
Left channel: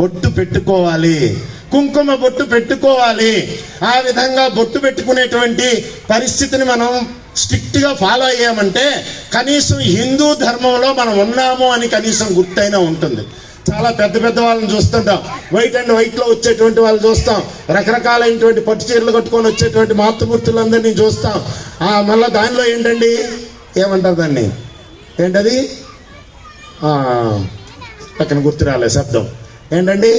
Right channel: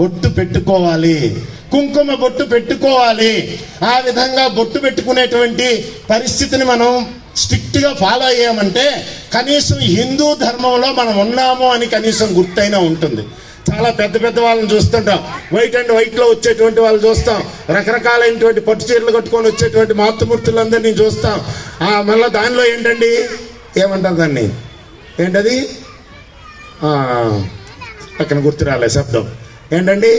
బొట్టు పెట్టుకోవాలి, కుంకుమ బొట్టు పెట్టుకోవాలి. ఆ విధంగా బొట్టు పెట్టుకునేటువంటి పరిస్థితిని మనం స్ట్రిక్ట్ గా ఫాలో అయ్యామంటే కనీసం హిందూ ధర్మంలో మనం ఉన్నాము అని కనీసం గుర్తైనా ఉంటుంది. చాలా పెద్ద పెద్ద వాళ్ళని చూస్తుంటాం, వైట్ అండ్ వైట్ లో వచ్చేటువంటి వాళ్ళు చూస్తాం, రకరకాలైనటువంటి పట్టు చీరలు కట్టుకొని వచ్చేటువంటి మాతృమూర్తులందరినీ చూస్తాం. మళ్ళీ దానిలో ఏంటండి, ఏమంటారు దాన్ని, ఏంటది పక్కన గుర్తు రాలే శబ్దం, ఏంటండి,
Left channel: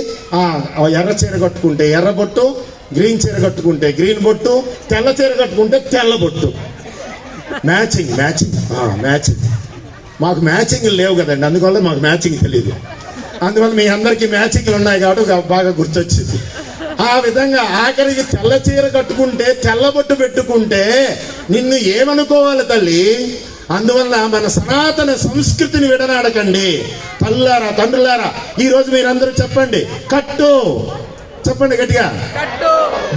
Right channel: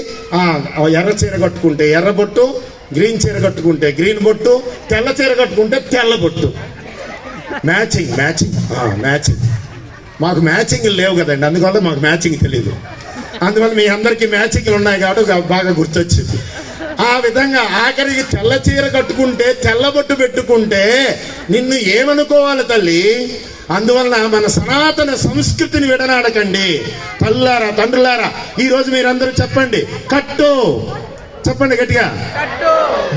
ఎర్ర చీర కట్టుకుంటే ఎర్ర బొట్టు, గ్రీన్ చీర కట్టుకుంటే గ్రీన్ బొట్టు, తెల్ల చీర కట్టుకుంటే తెల్ల బొట్టు. Matching matching matching. మాకు మ్యాచింగ్ లేవు కదండి, అందువల్ల మాకు మ్యాచింగ్ తెలీదు. అందువల్ల మీ అందరికీ మ్యాచింగ్లు ఉన్నాయి కాబట్టి బాగా గుర్తొచ్చింది. ఆ విధంగా ఆఖరికి తెల్ల చీర కట్టుకుంటే తెల్ల బొట్టు పెట్టుకుంటే నిన్ను ఏమనుకోవాలి తల్లి? అందువలన మన సనాతన సంస్కృతిని విడనాడకండి. తల్లారా, తండ్రులారా, ఈ రోజు మీరందరూ చెప్పండి, కట్టు, చెప్పండి గట్టిగా,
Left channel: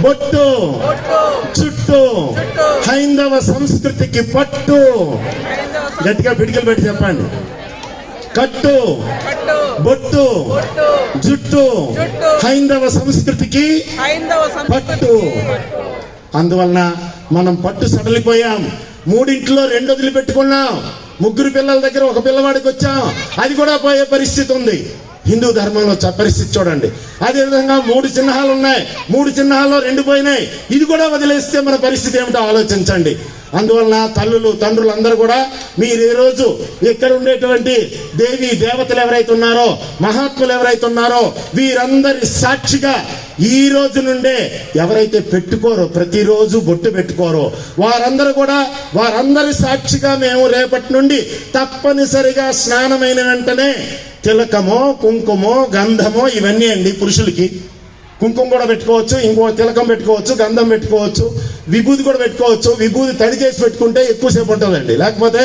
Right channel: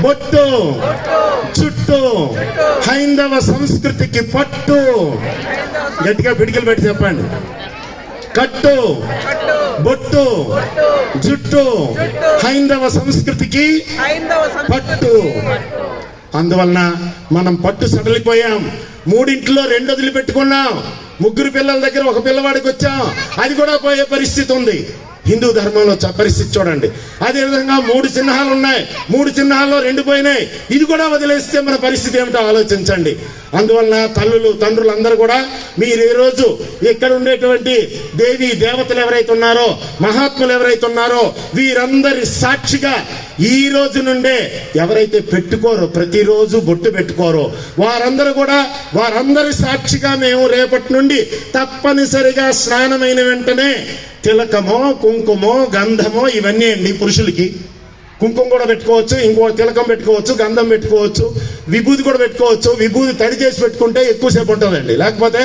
బొట్టు, చుట్టూ, హైందవ సంస్కృతికి పట్టు. గట్టిగా పిడికిలు పెట్టి చెప్పండి, కట్టు, బొట్టు, జుట్టు, హైందవ సంస్కృతికి పట్టు. అందువలన మనం పట్టు సడలిపోయాం. 3 ఇంట్లో 2 వదిలిపెట్టుకున్నాం. 3 పిల్లల దగ్గర 1 పిల్లవాడికి వచ్చాం. అది కూడా పోయే పరిస్థితి ఉంది. హిందూ ధర్మంలో పరిస్థితి చూడండి. అదేవిధంగా 3 చిహ్నాలు ఉన్నాయి. 3 చిహ్నాల్లో 2 పోయినాయి. ఇది కూడా వదిలేస్తే మన పరిస్థితి ఏమిటో ఆలోచించండి. అందువలన తల్లులు, తండ్రులు అందరూ కూడా మీరు ఈ రోజు ఇక్కడ ఉండేటువంటి దేవి దేవతలు ఎవరైతే ఉన్నారో, మహాత్ములు ఎవరైతే ఉన్నారో, వీరందరి సాక్షిగా ఈ రోజు నుండే ఎవరైతే పెట్టుకోరో, ప్రతిరోజు బొట్టు పెట్టుకోరో, వారందరూ కూడా వారందరి సాక్షిగా మేము రేపటి నుండి తప్పనిసరిగా స్నానమైన వెంటనే తిలకమో, కుంకుమో, గంధమో, ఇవన్నీ అండి. పురుషులకి కుంకుమ కూడా పెట్టుకోవచ్చు, ఇంకో తిలకం పెట్టుకోవచ్చు, గంధం పెట్టుకోవచ్చు, విభూతి కూడా పెట్టుకోవచ్చు. విభూతి తడి చేసి పెట్టుకుంటే ఎక్కువసేపు ఉంటుందండి. లేకపోతే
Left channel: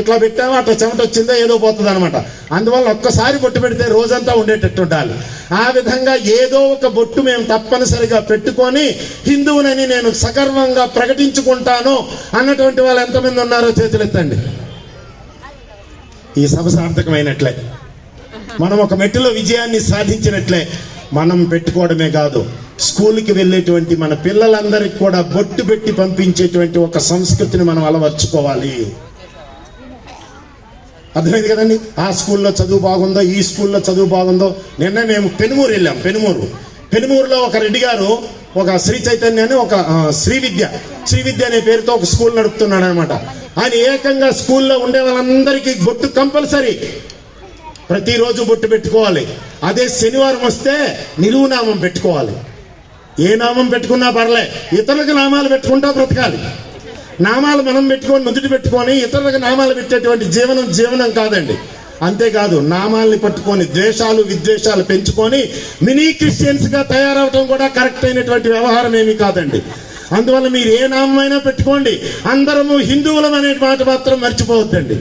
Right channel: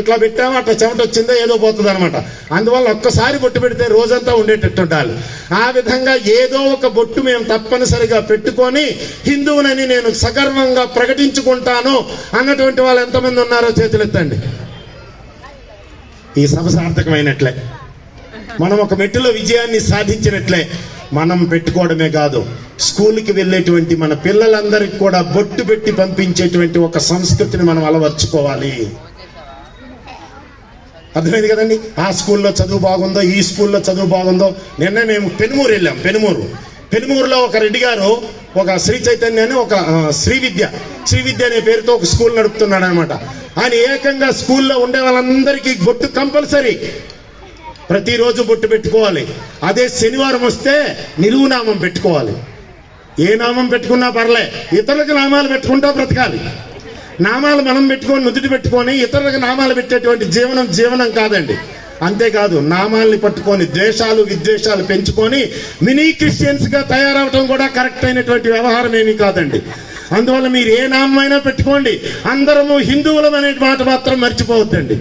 ఇట్లా పెట్టామో అట్లా చెమట వచ్చిందో ఏదో పోతుంది అనమాట. అందువల్ల ఒక్కసారి బొట్టు పెడితే రోజంతా ఉండేటట్టు ఉండాలి. ఆ విధంగా ఏదో ఒక బొట్టు మేము తప్పనిసరిగా పెట్టుకొని హిందువునని నేను సగర్వంగా ప్రకటించుకుంటాను అన్నటువంటి వాళ్ళు ఎంతమంది ఉన్నారో చేతులెత్తండి. ఈ సభ సార్థకమైనట్లే, మనం ఒక మెట్టులో విజయాన్ని సాధించినట్లే. మనం పెట్టుకోవడమే కాదు, స్కూల్కి వెళ్ళేటువంటి మన పిల్లలందరికీ కూడా బొట్టు పెట్టి పంపించేటువంటి ఒక సంస్కృతిని మనం అలవర్చుకోవాలి. అర్థమైంది కదండి? ఆ స్కూల్లో చదువు బాగుందో, ఈ స్కూల్లో చదువు బాగుందో. నిన్న మేము పెనుమూరు వెళ్ళాం. పెనుమూరులో ఒక రెడ్డి గారు ఒక శ్రీ చైతన్య అని ఒక శ్రీ విద్య అనే పేరుతో ఒక స్కూల్ నడుపుతున్నాడు అనమాట. ఆయన ఏకంగా స్కూల్లో ఉండే వాళ్ళందరికీ బొట్టు కంపల్సరీ, ప్రతిరోజు బొట్టు పెట్టుకోవాలి. అదే శనివారం వస్తే నిలువు నామం పెట్టుకోవాలి. ఏ నామం పెట్టుకున్నా పర్లే, ఇతరులకు నామాలు పెట్టుకుంటా బ్రతకాలి. నామాలు మనం పెట్టుకొని నుదుటి పెట్టుకొని ఇతరులకు నామాలు పెట్టేటువంటి జీవనం కాదండి. అంతేకాదు, నామాల్ని పట్టుకొని ద్వేషాలు విద్వేషాలు పెంచుకొని మినీ క్రిస్టియన్స్ గా తయారవటం కూడా కరెక్ట్ అయినటువంటి వ్యవహారం ఏమీ కాదండి. అందువల్ల మీరు ఏ నామైనా పెట్టుకోండి, అందరము హిందువులం అనే మాట మాత్రం మర్చిపోవద్దండి.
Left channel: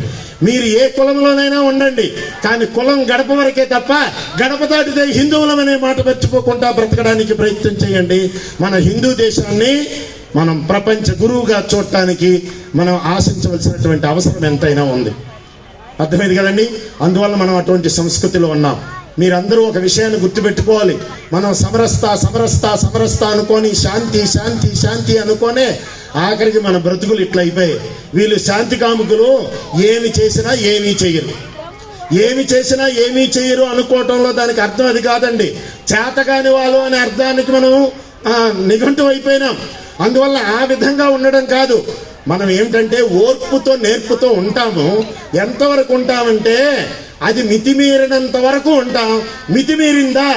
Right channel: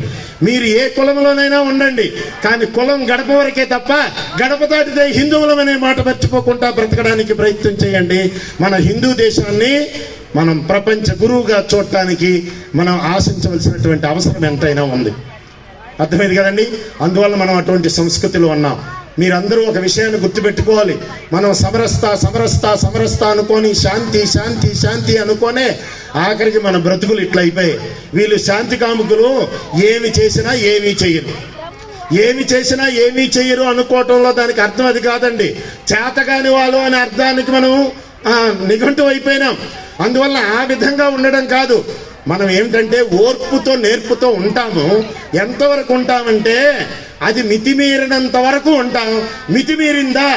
మీరు ఏ కులంలోనైనా ఉండండి, కానీ కులం గడప వరకే తప్ప గడప దాటితే హిందువులం అనే మాట మర్చిపోకుండా బ్రతకడానికి ప్రయత్నం చేయండి. మన హిందూ దేశాన్ని మనం ప్రపంచ గురువుగా చూడటానికి మనం ఆశించవలసినటువంటి అవసరం ఎంతైనా ఉంది. అర్థమైంది కదండి? అందువల్ల మనం అటువంటి సంస్కృతిలో ఉన్నాం. మీరందరూ ఒక విషయాన్ని గుర్తుపెట్టుకోవాలి. మనం సమరస్తా అనుకొని శాంతి అనుకోనే ఆఖరికి మన బ్రతుకులు ఇట్లా అయిపోయాయి. వీళ్ళు శాంతి కాముకులు, ఏమి చేసినా ఏమీ చెయ్యరు అనుకోవటంలో దానికి అర్థం అది కాదండి. చేతకాని వాళ్ళు అనే అర్థానికి మనం నిఘంటు అయిపోయినాం. అందువల్ల ఆ విధంగా ఉండడం కాదు. మనం ఏంటంటే ఓర్పుతో నేర్పుతో ఉంటాము. ఎంతవరకు ఉంటామంటే అది మితిమీరినంత వరకు ఉంటాం. మితిమీరిందా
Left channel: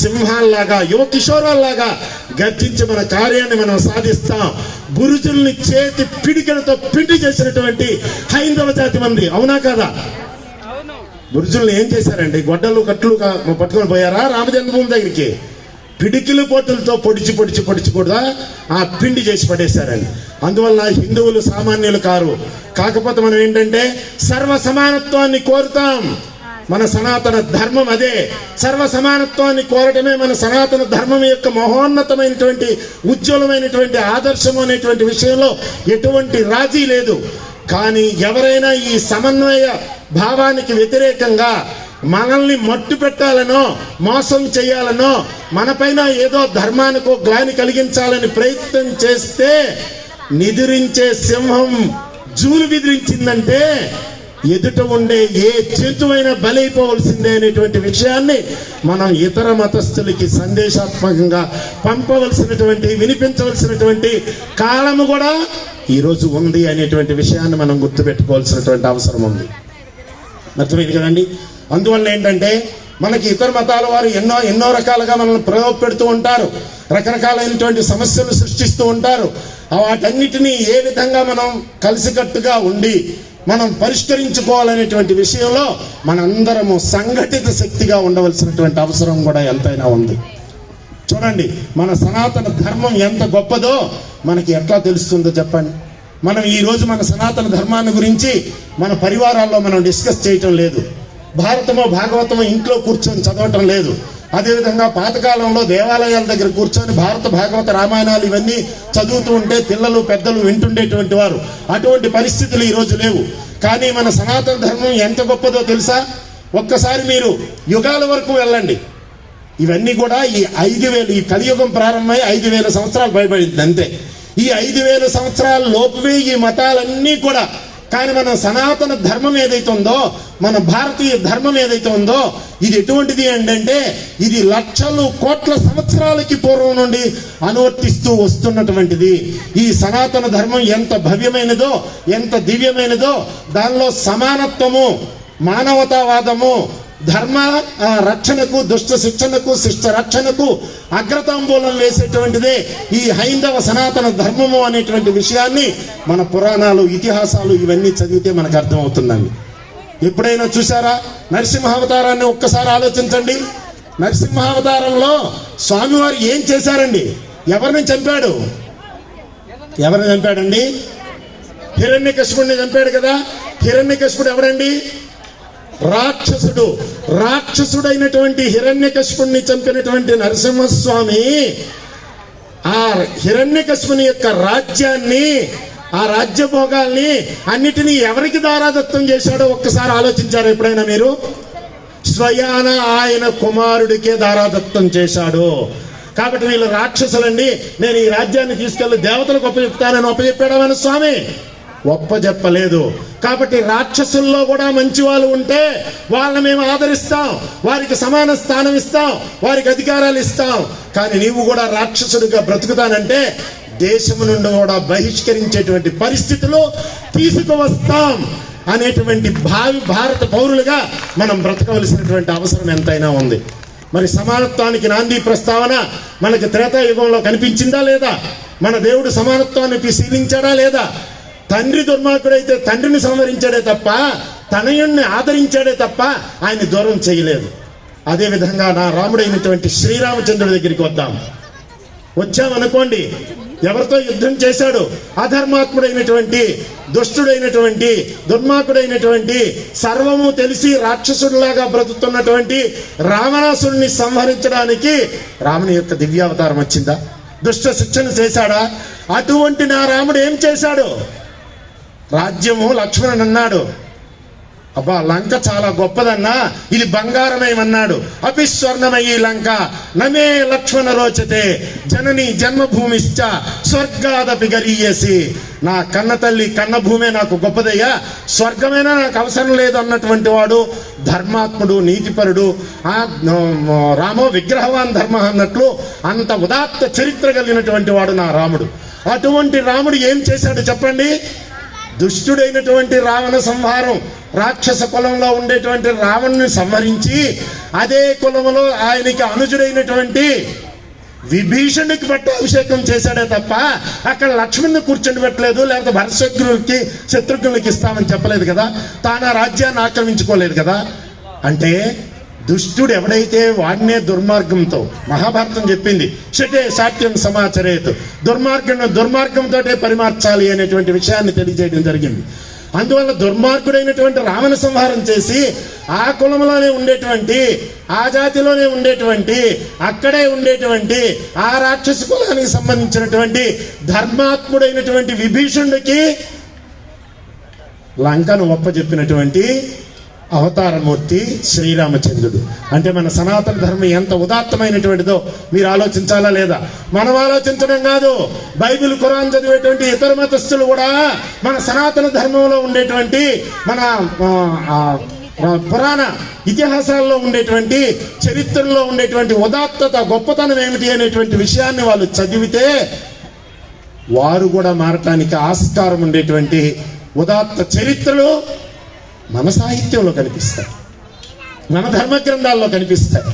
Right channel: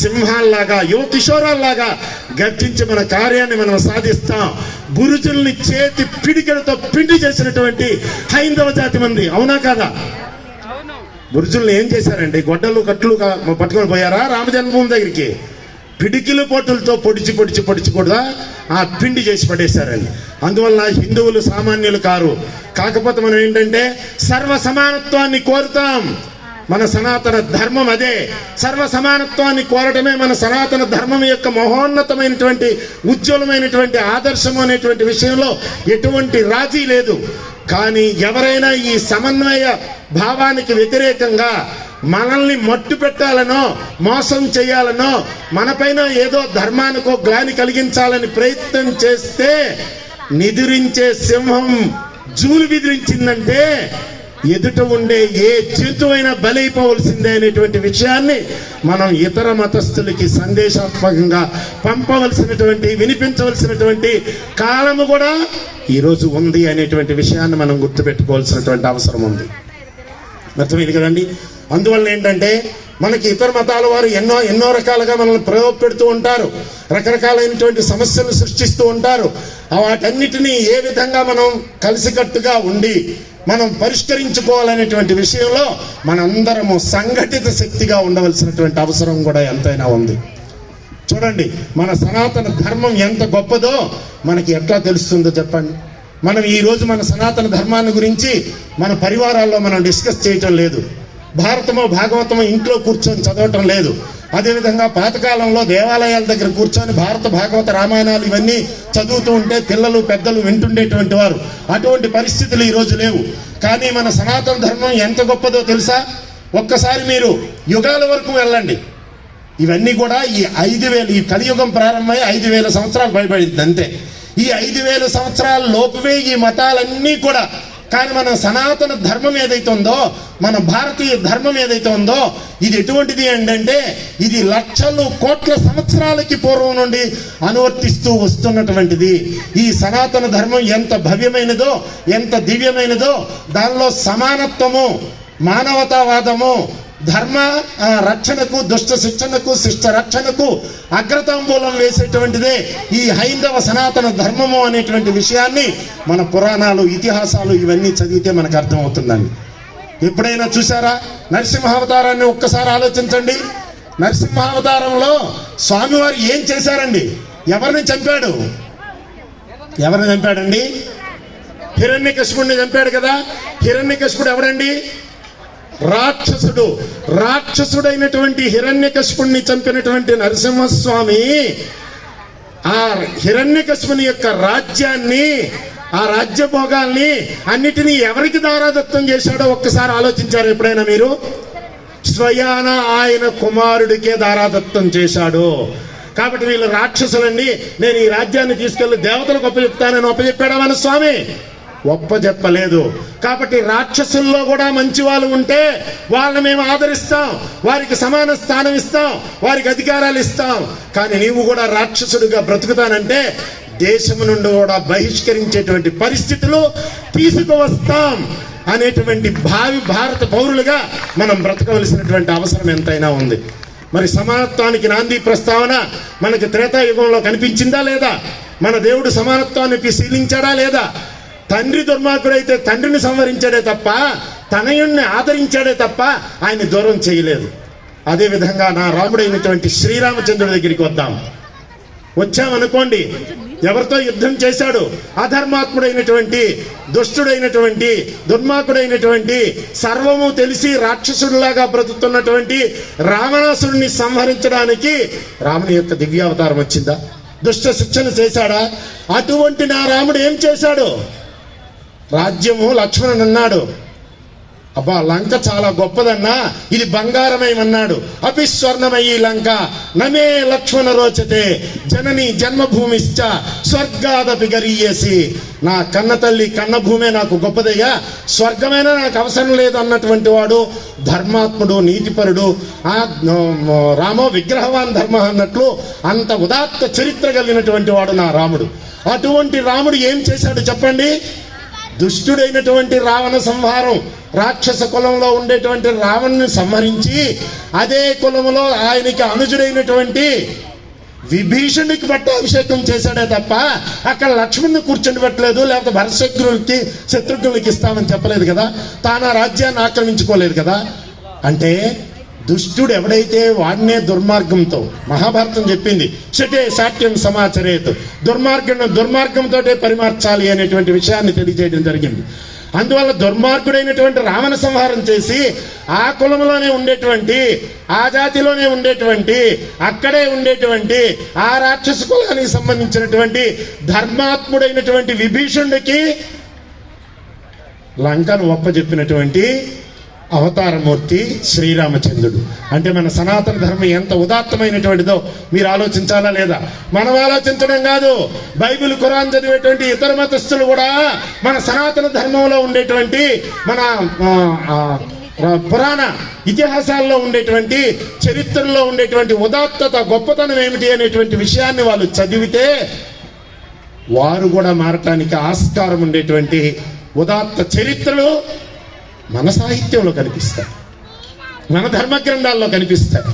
సింహాల్లాగా, యువ కిషోరాల్లాగా గర్జించి మన కార్యాన్ని మనం సాధిస్తాం. గురుజుల్ని చేతి పిడికలతో పిండి చేసినటువంటి హైందవ జాతి మంది, అవునా కదా? గురుజుల్ని ఏం చేశారండి? గొడ్డలు కట్లు పట్టుకొని పోయారా రామజన్మభూమి దగ్గరికి? పిడికిలు పోటులతో పొడిచి కూడా ఆ పిండి చేసి పడేశారండి. అందువల్ల హిందువులు సామాన్యులు కారు. కాకపోతే మనం ఏంటంటే సర్వ సమానత్వాన్ని కోరుతాం. మన సనాతన ధర్మం అదే. సర్వ సమానత్వాన్ని కోరటమే మన సనాతన ధర్మం యొక్క మహోన్నతమైనటువంటి ఉజ్వలమైనటువంటి ఆదర్శం అనేటువంటి విషయంలో ఎటువంటి రాజీ లేదు. కానీ ఎవరైనా ఈ సమన్వయ భావానికి వ్యతిరేకంగా మనల్ని మట్టు పెట్టాలనో మోసం చేయాలనో మనపైన ఏదో ధర్మానికో గ్లాని కలిగించాలని ప్రయత్నం చేస్తే నిదురించే సింహం జూలు విదిరించిందంటే ఎదుట ఉండే ఏ జంతువైనా బలైపోవలసిందే అనేటువంటి విషయాన్ని మనం ఇతర మతస్థులకి సందేశాత్మకంగా పంపవలసినటువంటి, వినిపించవలసినటువంటి కాలము కూడా ఈరోజు ఉంది అనేటువంటి విషయాన్ని మనం గుర్తుపెట్టుకోవాల్సినటువంటి అవసరం ఉంది. అర్థమైంది కదండి? అందువల్ల ఏంటంటే మనకి ఇతర మతాల వారు ఎన్నో రకాలుగా మనల్ని ప్రలోభపెడుతూ ఉంటారు, రకరకాలైనటువంటి సమస్యలు సృష్టిస్తూ ఉంటారు. వాటన్నిటినీ ఏ విధంగా మనం కలిసికట్టుగా ఉండి మనం పరిష్కరించుకోవాలనేటువంటి విషయంలో మనందరము సంఘటిత శక్తిగా ఉండవలసినటువంటి అవసరం కూడా ఎంతైనా ఉంది. చూడండి, మన సనాతన ధర్మం ఎంత గొప్పదో మనకి ఎట్లా తెలుస్తుందో చెప్పండి. మనం ఈ రోజు మన సనాతన ధర్మాన్ని గురించి మన పరివారాల్లో మనం డిస్కస్ చేయటం లేదు. భారతమో భాగవతమో ఇంట్లో కూర్చొని చదవటం లేదు. అదేవిధంగా పాతకాలంలో దేవాలయాల దగ్గర కూర్చొని భారత భాగవత రామాయణాలు ఇవన్నీ చదువుతూ ఉంటే పిల్లలు పెద్దలు వింటుండేటువంటి వారు. అటువంటి పరిస్థితులు ఈ రోజు లేవు. కానీ మన సనాతన ధర్మం ఎంత గొప్పదో తెలుసా? ఒక్కసారి మీరు యుగాల వరకు వెళ్ళండి. ఇవన్నీ కూడా ఈ 5000 ఈ కలియుగం ప్రారంభమై 5000 సంవత్సరాలు భయపడింది అంతే. ఈ 5000 సంవత్సరాల లోపువే ఈ మతాలన్నీ కూడా. కానీ మన సనాతన ధర్మం ఏదైతే ఉందో, మన భారతీయ ధర్మం ఏదైతే ఉందో, ఇది ఎటువంటిది అంటే ఇది లక్షలు కోట్ల సంవత్సరాలకి పూర్వం నుండి అనువర్తిస్తూ వస్తున్నటువంటిది. ఈ సనాతన ధర్మం ఎంత భవ్యమైనదో, ఎంత దివ్యమైనదో, దానిలో సమానత్వము, మానవతావాదము, ధర్మ రక్షణకు, దుష్ట శిక్షణకు, శిష్ట రక్షణకు అగ్రతాంబూలం వేసేటువంటిదే ఈ హైందవ సనాతన ధర్మము అనేటువంటి విషయాన్ని మన పురాణాలు, ఇతిహాసాలు ఇవన్నీ చదివితే మనకు అర్థమవుతుందండి. ఎప్పుడైనా చూసారా నరసింహావతారాన్ని? ఒక్కసారి ఆలోచించండి. నరసింహావతారంలో స్వామివారు ఏం చేశారండి? ఎవరిని చంపాడు? ఎవరిని చంపాడండి? హిరణ్యకశిపుడిని చంపాడు కదా. హిరణ్యకశిపుడు ఎవరండి? రాక్షసుడు. రాక్షసుడైనటువంటి హిరణ్యకశిపుడిని చంపినటువంటి నరసింహస్వామి ఆ హిరణ్యకశిపుని యొక్క రాజ్యాన్ని, ఆ రాజ్యభోగాల్ని అన్నిటినీ ఎవరికి దారాదత్తం చేశాడో ఒక్కసారి ఆలోచించారు ఎప్పుడైనా మీరు? స్వయాన ఆయన కుమారుడికే దారాదత్తం చేశాడు. కాబట్టి వీళ్ళు రాక్షసులండి, నేను ఈ రాజ్యాన్ని తీసుకెళ్లి దేవతలకు ఒప్పచెప్తానని ఒప్పచెప్పాడా మన స్వామి? ఒప్పజెప్పలేదు. కాబట్టి రాక్షసుల్లో కూడా మంచి వాళ్ళు ఉంటే వాళ్ళని మేము ఆదరిస్తాం, వారికి సమాన స్థానం ఇస్తాం, వారికి అధికారాలు ఇస్తాం. కానీ నీవు కూడా రాక్షసుడిగా బ్రతుకుతానంటే దేశం నుండి కూడా బహిష్కరించేటువంటి పరిస్థితులు తీసుకువస్తాం అనేటువంటి భారత పౌరులుగా మనం బ్రతకవలసినటువంటి అవసరం ఎంతైనా ఉంది. మరి సమానత్వానికి నాంది ప్రస్తావన మనకి త్రేతాయుగంలో కనిపించిందా లేదా? మన దేవుడు సమానత్వాన్ని పరిశీలించాడా లేదా? తండ్రి దుర్మార్గుడైతే తండ్రిని సంహరించాడే తప్ప, తనయుణ్ణి ఆదరించాడే తప్ప ఆయన దూరం చేయలేదు. అదేవిధంగా నా రాముడైనటువంటి శ్రీరామచంద్రుడి దగ్గరికి వచ్చామనుకోండి, ఎవరితో యుద్ధం చేశాడు? అధర్మాత్ముడైనటువంటి, దుష్టుడైనటువంటి, దుర్మార్గుడైనటువంటి, సర్వము తెలిసి రాక్షసుడిలాగా బ్రతుకుతున్నటువంటి రావణాసుడిని సంహరించడానికి రాముని యొక్క దివ్యావతారం వచ్చిందా? దుష్ట శిక్షణ చేశాడా? అటువంటి నా రాముడు ఏం చేశాడు? రాజ్యము లక్ష్మణుడు అన్నాడు, అబ్బా లంక చాలా గొప్పదన్నా, ఇది బంగారమేమన్నాడు. అపి స్వర్ణమయీ లంక నమే లక్ష్మణ రోచతే జనని జన్మభూమిశ్చ స్వర్గాదపి గరీయసి. నా కన్న తల్లి కన్న భూమే నాకు గొప్పదయ్యా, స్వర్గమైనా నాకు అవసరం లేదు అన్నటువంటి వాడు ధర్మాత్ముడు, నీతిపరుడు. ఆ రామో విగ్రహవాన్ ధర్మ అన్నట్లు అంత ఉదాత్త చరిత్ర కలిగినటువంటి వాడు నా రాముడు. అటువంటి రాముడు ఏం చేశాడు చెప్పండి? దుష్టుడైనటువంటి రావణ సంహారం, రాక్షస కులంలో ఉండేటువంటి రావణ్ణి సంహరించి అదే కులంలో ఆయనకి అనుజుడైనటువంటి విభీషణుడికి పట్టాభిషేకం చేశాడే తప్ప అక్కడ లక్ష్మణ్ని కూర్చొని పెట్టలేదు, లేకపోతే భరతశత్రువులకి శత్రుఘ్నులకి ఇస్తానని చెప్పలేదు కదా. తాను ఆ రాజ్యాన్ని ఆక్రమించుకోలేదు కదా. అంటే దుష్టుడు ఎవడైతే వాడినే దుర్మార్గంతో, మహాభారతం చెప్పింది షటే శాట్యం సమాచరేత్, దుర్మార్గంతో పరిమార్చాలి అనేటువంటి విషయాన్ని తెలియజేయడం జరిగింది. అందువల్ల దుర్మార్గుడైనటువంటి రావణ సంహారం చేసి ఆ కులంలోనే ఉండేటువంటి, ఆ జాతిలోనే ఉండేటువంటి, అక్కడే ఉండేటువంటి ఆ రాక్షస కులానికి సంబంధించినటువంటి ధర్మాత్ముడైనటువంటి విభీషణుడికి లంకను ఒప్పజెప్పినటువంటి అవతారమూర్తి శ్రీరామచంద్రుడు. అంటే మన సనాతన ధర్మం ఎంత ఉదాత్తమైనటువంటిదో మీరు ఆలోచించాలా లేదా? మనం ఆలోచించడం కాదు, బైబిల్ ఖురాన్ చదివేటువంటి ఇతర మతస్థులు కూడా మన సనాతన ధర్మంలో ఉండేటువంటి, మన పురాణ ఇతిహాసాల్లో ఉండేటువంటి, చరిత్రలో ఉండేటువంటి ఉదాత్తత, గొప్పతనం ఏమిటి అనేటువంటి విషయాన్ని వాళ్ళు చదివితే వారు కూడా మారటానికి ఆస్కారం ఉండేటువంటి ఉదాత్త చరిత్రలు మన సాహిత్యంలో కనిపిస్తాయి, మన ధర్మ గ్రంథాల్లో కనిపిస్తాయి.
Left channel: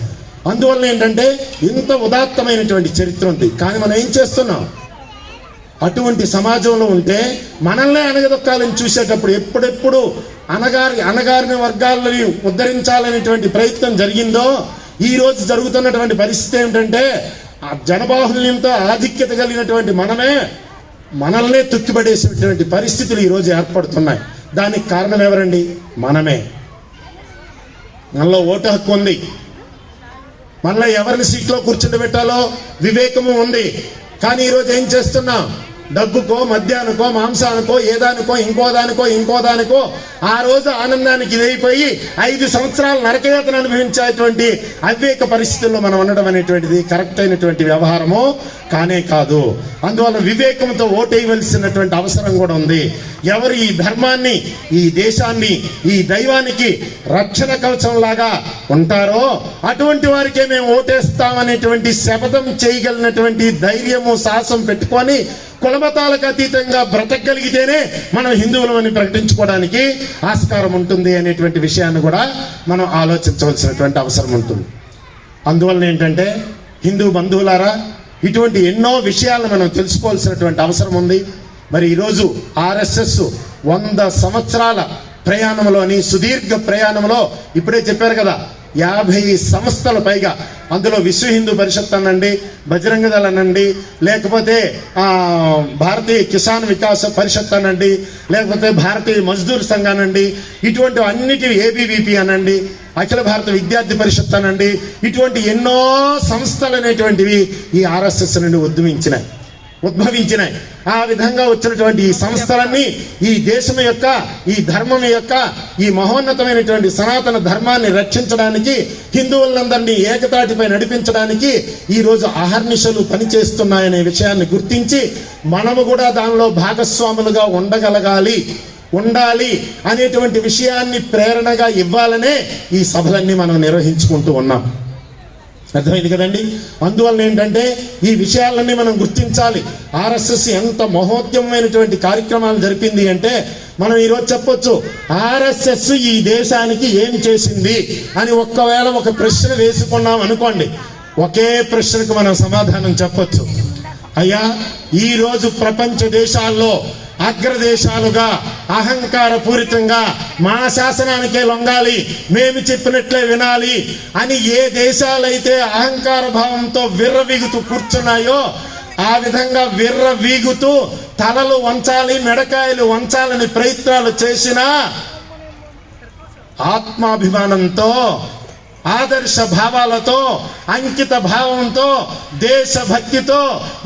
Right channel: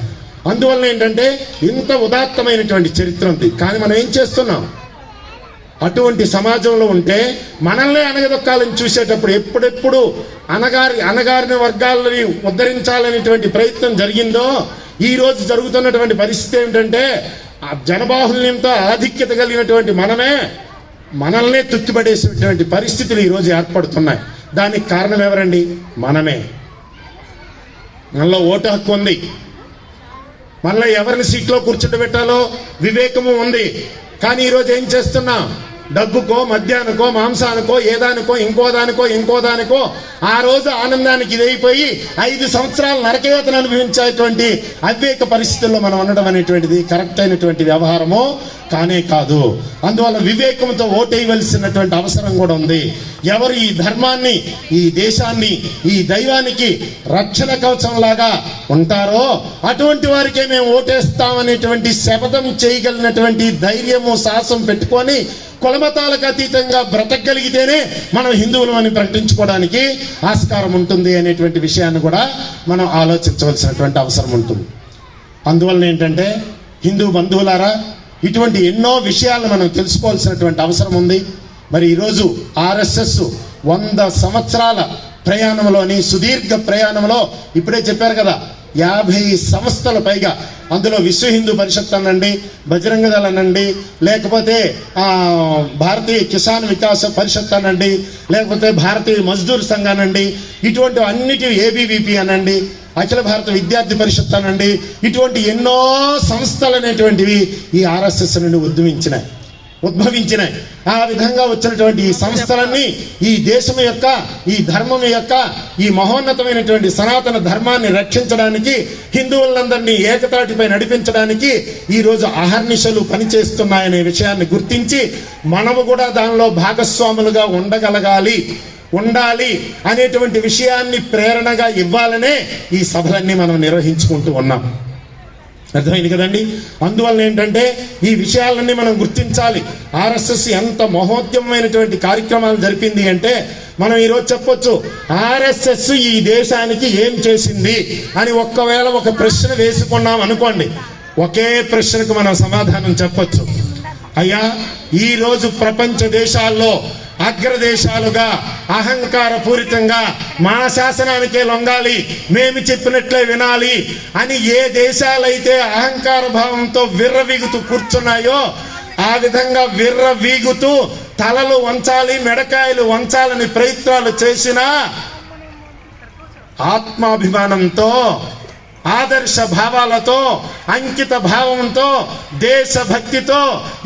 అందువల్ల ఏంటంటే ఇంత ఉదాత్తమైనటువంటి చరిత్ర ఉంది. కానీ మనం ఏం చేస్తున్నాం? అటువంటి సమాజంలో ఉంటే మనల్ని అనగదొక్కాలని చూసేటప్పుడు ఎప్పుడెప్పుడు అనగారిన వర్గాలని ఉద్ధరించాలనేటువంటి ప్రయత్నం జరిగిందో, ఈ రోజు జరుగుతున్నటువంటి పరిస్థితి ఏమిటంటే జనబాహుల్యంతో ఆధిక్యత కలిగినటువంటి మనమే మనల్నే తొక్కిపడేసేటువంటి పరిస్థితులు ఈరోజు ఏర్పడుతున్నాయి. దానికి కారణం ఎవరండి? మనమే. మనలో ఓటు హక్కు ఉంది, మనలో ఎవరిని సీట్లో కూర్చుండబెట్టాలో వివేకము ఉంది. కానీ ఈరోజు ఏం చేస్తున్నాం? డబ్బుకో, మద్యానికో, మాంసానికో, ఏదానికో, ఇంకో దానికో ఆ రోజు ఆనందానికి ఇదైపోయి 5 సంవత్సరాలు నరకయాతను అనుభవించేటువంటి అవివేక పరిస్థితుల్లో మనం ఉండడం అనేటువంటిది కరెక్ట్ అయినటువంటి వ్యవహారము కానే కాదు. అందువల్ల వివేకంతో ఓటేయవలసినటువంటి అవసరం కూడా ఉంది. ఎవరు ఈ ధర్మాన్ని, ఈ దేశాన్ని, ఈ దైవానికి రక్షణ కవచం లాగా ఉంటారో అటువంటి వారికే మేము ఓటేస్తామనేటువంటి శపథం చేయగలిగినటువంటి ధైర్యము, సాహసం పెట్టుకొని కులమతాలకు అతీతంగా బ్రతకగలిగితేనే మనం హిందువులమని ప్రకటించుకోవడానికి ఆస్కారం ఉంటుంది అనేటువంటి విషయాన్ని కూడా మనం ఆలోచించవలసినటువంటి అవసరం ఉంటుంది. అందువలన ఏంటంటే హిందూ బంధువులారా, ఇటువంటి ఎన్నో విషయాలను మనం తెలుసుకోవాల్సినటువంటి అవసరం ఉంది. మరి ఈరోజు ఆర్ఎస్ఎస్ 100 సంవత్సరాల ప్రయాణంలోని సుదీర్ఘ ప్రయాణంలో ఇప్పుడే చెప్పారు కదా, 50 సంస్థల పైగా, అందులో విశ్వ హిందూ పరిషత్ అనండి, బజరంగ దళ్ అనండి, లేకపోతే భారతీయ కిసాన్ వికాస్ పరిషత్ అనండి, లేకపోతే భారతీయ మజ్దూర్ సంఘ్ అనండి, ఇటువంటి అన్నిటి ఏబీవీపీ అనండి, అఖిల భారత విద్యార్థి పరిషత్ అనండి, ఇటువంటి ఎన్నో సంస్థలు అనేటువంటివి ఈ ఆర్ఎస్ఎస్ నుండి ఉద్భవించినాయి. ఆ విధంగా వచ్చినటువంటి ఈ సంస్థలన్నీ ఈ దేశం యొక్క, ఈ ధర్మం యొక్క, ఈ మహోన్నతమైనటువంటి సనాతన ధర్మాన్ని రక్షించడానికి, హిందువులందరినీ ఏకతాటిపై నడిపించడానికి ఈ రోజు అహర్నిశలు పనిచేస్తున్నాయనే విషయాన్ని గుర్తించి మనము కూడా దానిలో భాగస్వాములుగా ఉండాలి అనేటువంటి విషయాన్ని ప్రేరణగా ఇవ్వాలనే ఈ సభలన్నీ మనం నిర్వహించుకుంటూ ఉన్నాం. అర్థమైంది కదండి? అందువల్ల ఏంటంటే ఈ విషయాలన్నీ మనం గుర్తించాలి. ఆర్ఎస్ఎస్ ఎంత మహోద్యమైనటువంటి కార్యక్రమాలు జరిపింది అంటే మనం ఈరోజు చెప్పొచ్చు, ఆర్ఎస్ఎస్ ఈ దేశానికి ఏం చేసింది అని ఒక్కవేళ ఒక ప్రశ్న వేసుకున్నాం అనుకోండి, ఒకే ప్రశ్నకు మనం సమాధానం చెప్పొచ్చు. అయ్యా, ఈ రోజు ప్రపంచ దేశాల్లో అగ్రదేశాలుగా అహంకార పూరితంగా మా శాసనానికే లొంగాలి, మేము చెప్పినట్లే వినాలి అని ఏ దేశాలైతే అహంకార భావంతో విర్రవీగుతూ కూర్చున్నాయో ఆ విధంగా విర్రవీగుతూ తలలు వంచాలి, మెడకాయలు వంచాలని ప్రయత్నాలు చేసినా ఆత్మాభిమానంతో, ఆదర్శ భావాలతో, అంకిత భావంతో, దేశభక్తితో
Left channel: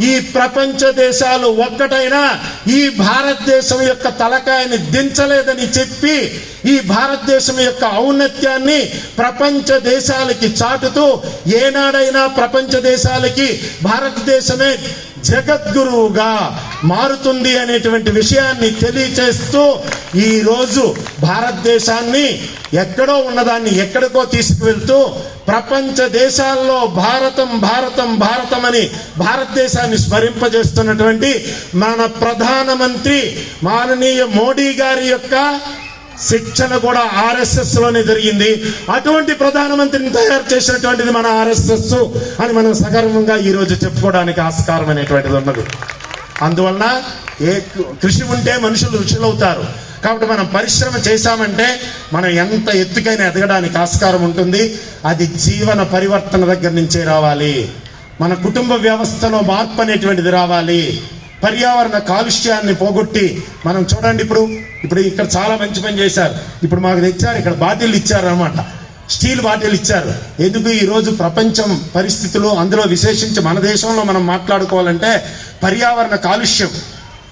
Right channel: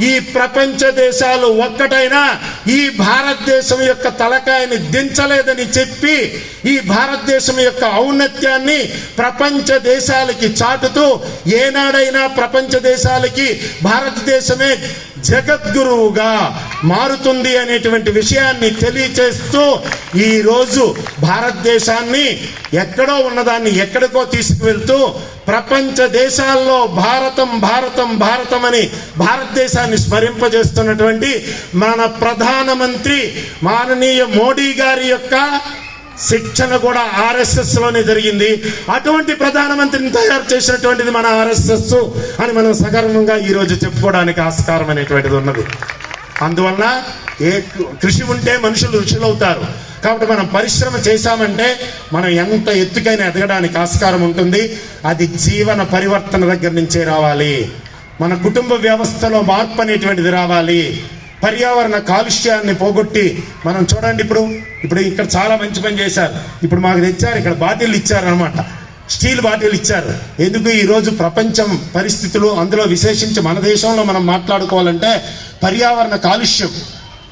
ఈ ప్రపంచ దేశాలు ఒక్కటైనా ఈ భారతదేశం యొక్క తలకాయని దించలేదని చెప్పి ఈ భారతదేశం యొక్క ఔన్నత్యాన్ని ప్రపంచ దేశాలకి చాటుతూ ఏనాడైనా ప్రపంచ దేశాలకి భారతదేశమే జగద్గురువుగా మారుతుంది అనేటువంటి విషయాన్ని తెలియచేస్తూ ఈ రోజు భారతదేశాన్ని ఎక్కడో ఉన్నదాన్ని ఎక్కడికో తీసుకువెళ్తూ ప్రపంచ దేశాల్లో భారతం అని భారతదేశాన్ని స్మరింపజేస్తున్నటువంటి మన ప్రధానమంత్రి మాననీయ మోడీ గారి యొక్క శిక్షణ కూడా ఆర్ఎస్ఎస్ లోనే జరిగింది. అటువంటి ప్రధానమంత్రిని తయారు చేసినటువంటిది మన ఆర్ఎస్ఎస్ అని మనం సగర్వంగా ఈ రోజు చెప్పుకోవడానికి ఆస్కారం అనేటువంటిది ఉన్నది. అందువలన ఏ కృషి ఉంటే మనుషులు ఋషులవుతారు. కాబట్టి మనం పరిశ్రమ చేశామంటే మనం ఎంత ఎత్తుకైనా ఎదగడానికి ఆస్కారం ఉంటుంది. అది జీవన పరివర్తన దగ్గర నుంచే రావాలి. మన కుటుంబ వ్యవస్థలో మార్పు అనేటువంటిది రావాలి. పర్యావరణ కాలుష్యాన్ని పోగొట్టి మనం చూడండి, ఇప్పుడు ఇక్కడ చాలా మంచి పని చేశారు. ఇప్పుడు మాకు తెచ్చారు, ఇక్కడ బాటిల్ ఇచ్చారు అనమాట, స్టీల్ బాటిల్ ఇచ్చారు. ఎందుకు? ఈ రోజు ప్రపంచం పరిస్థితులు, అందులో విశేషించి మన దేశంలో మనం మాట్లాడుకోవాలంటే పర్యావరణ కాలుష్యం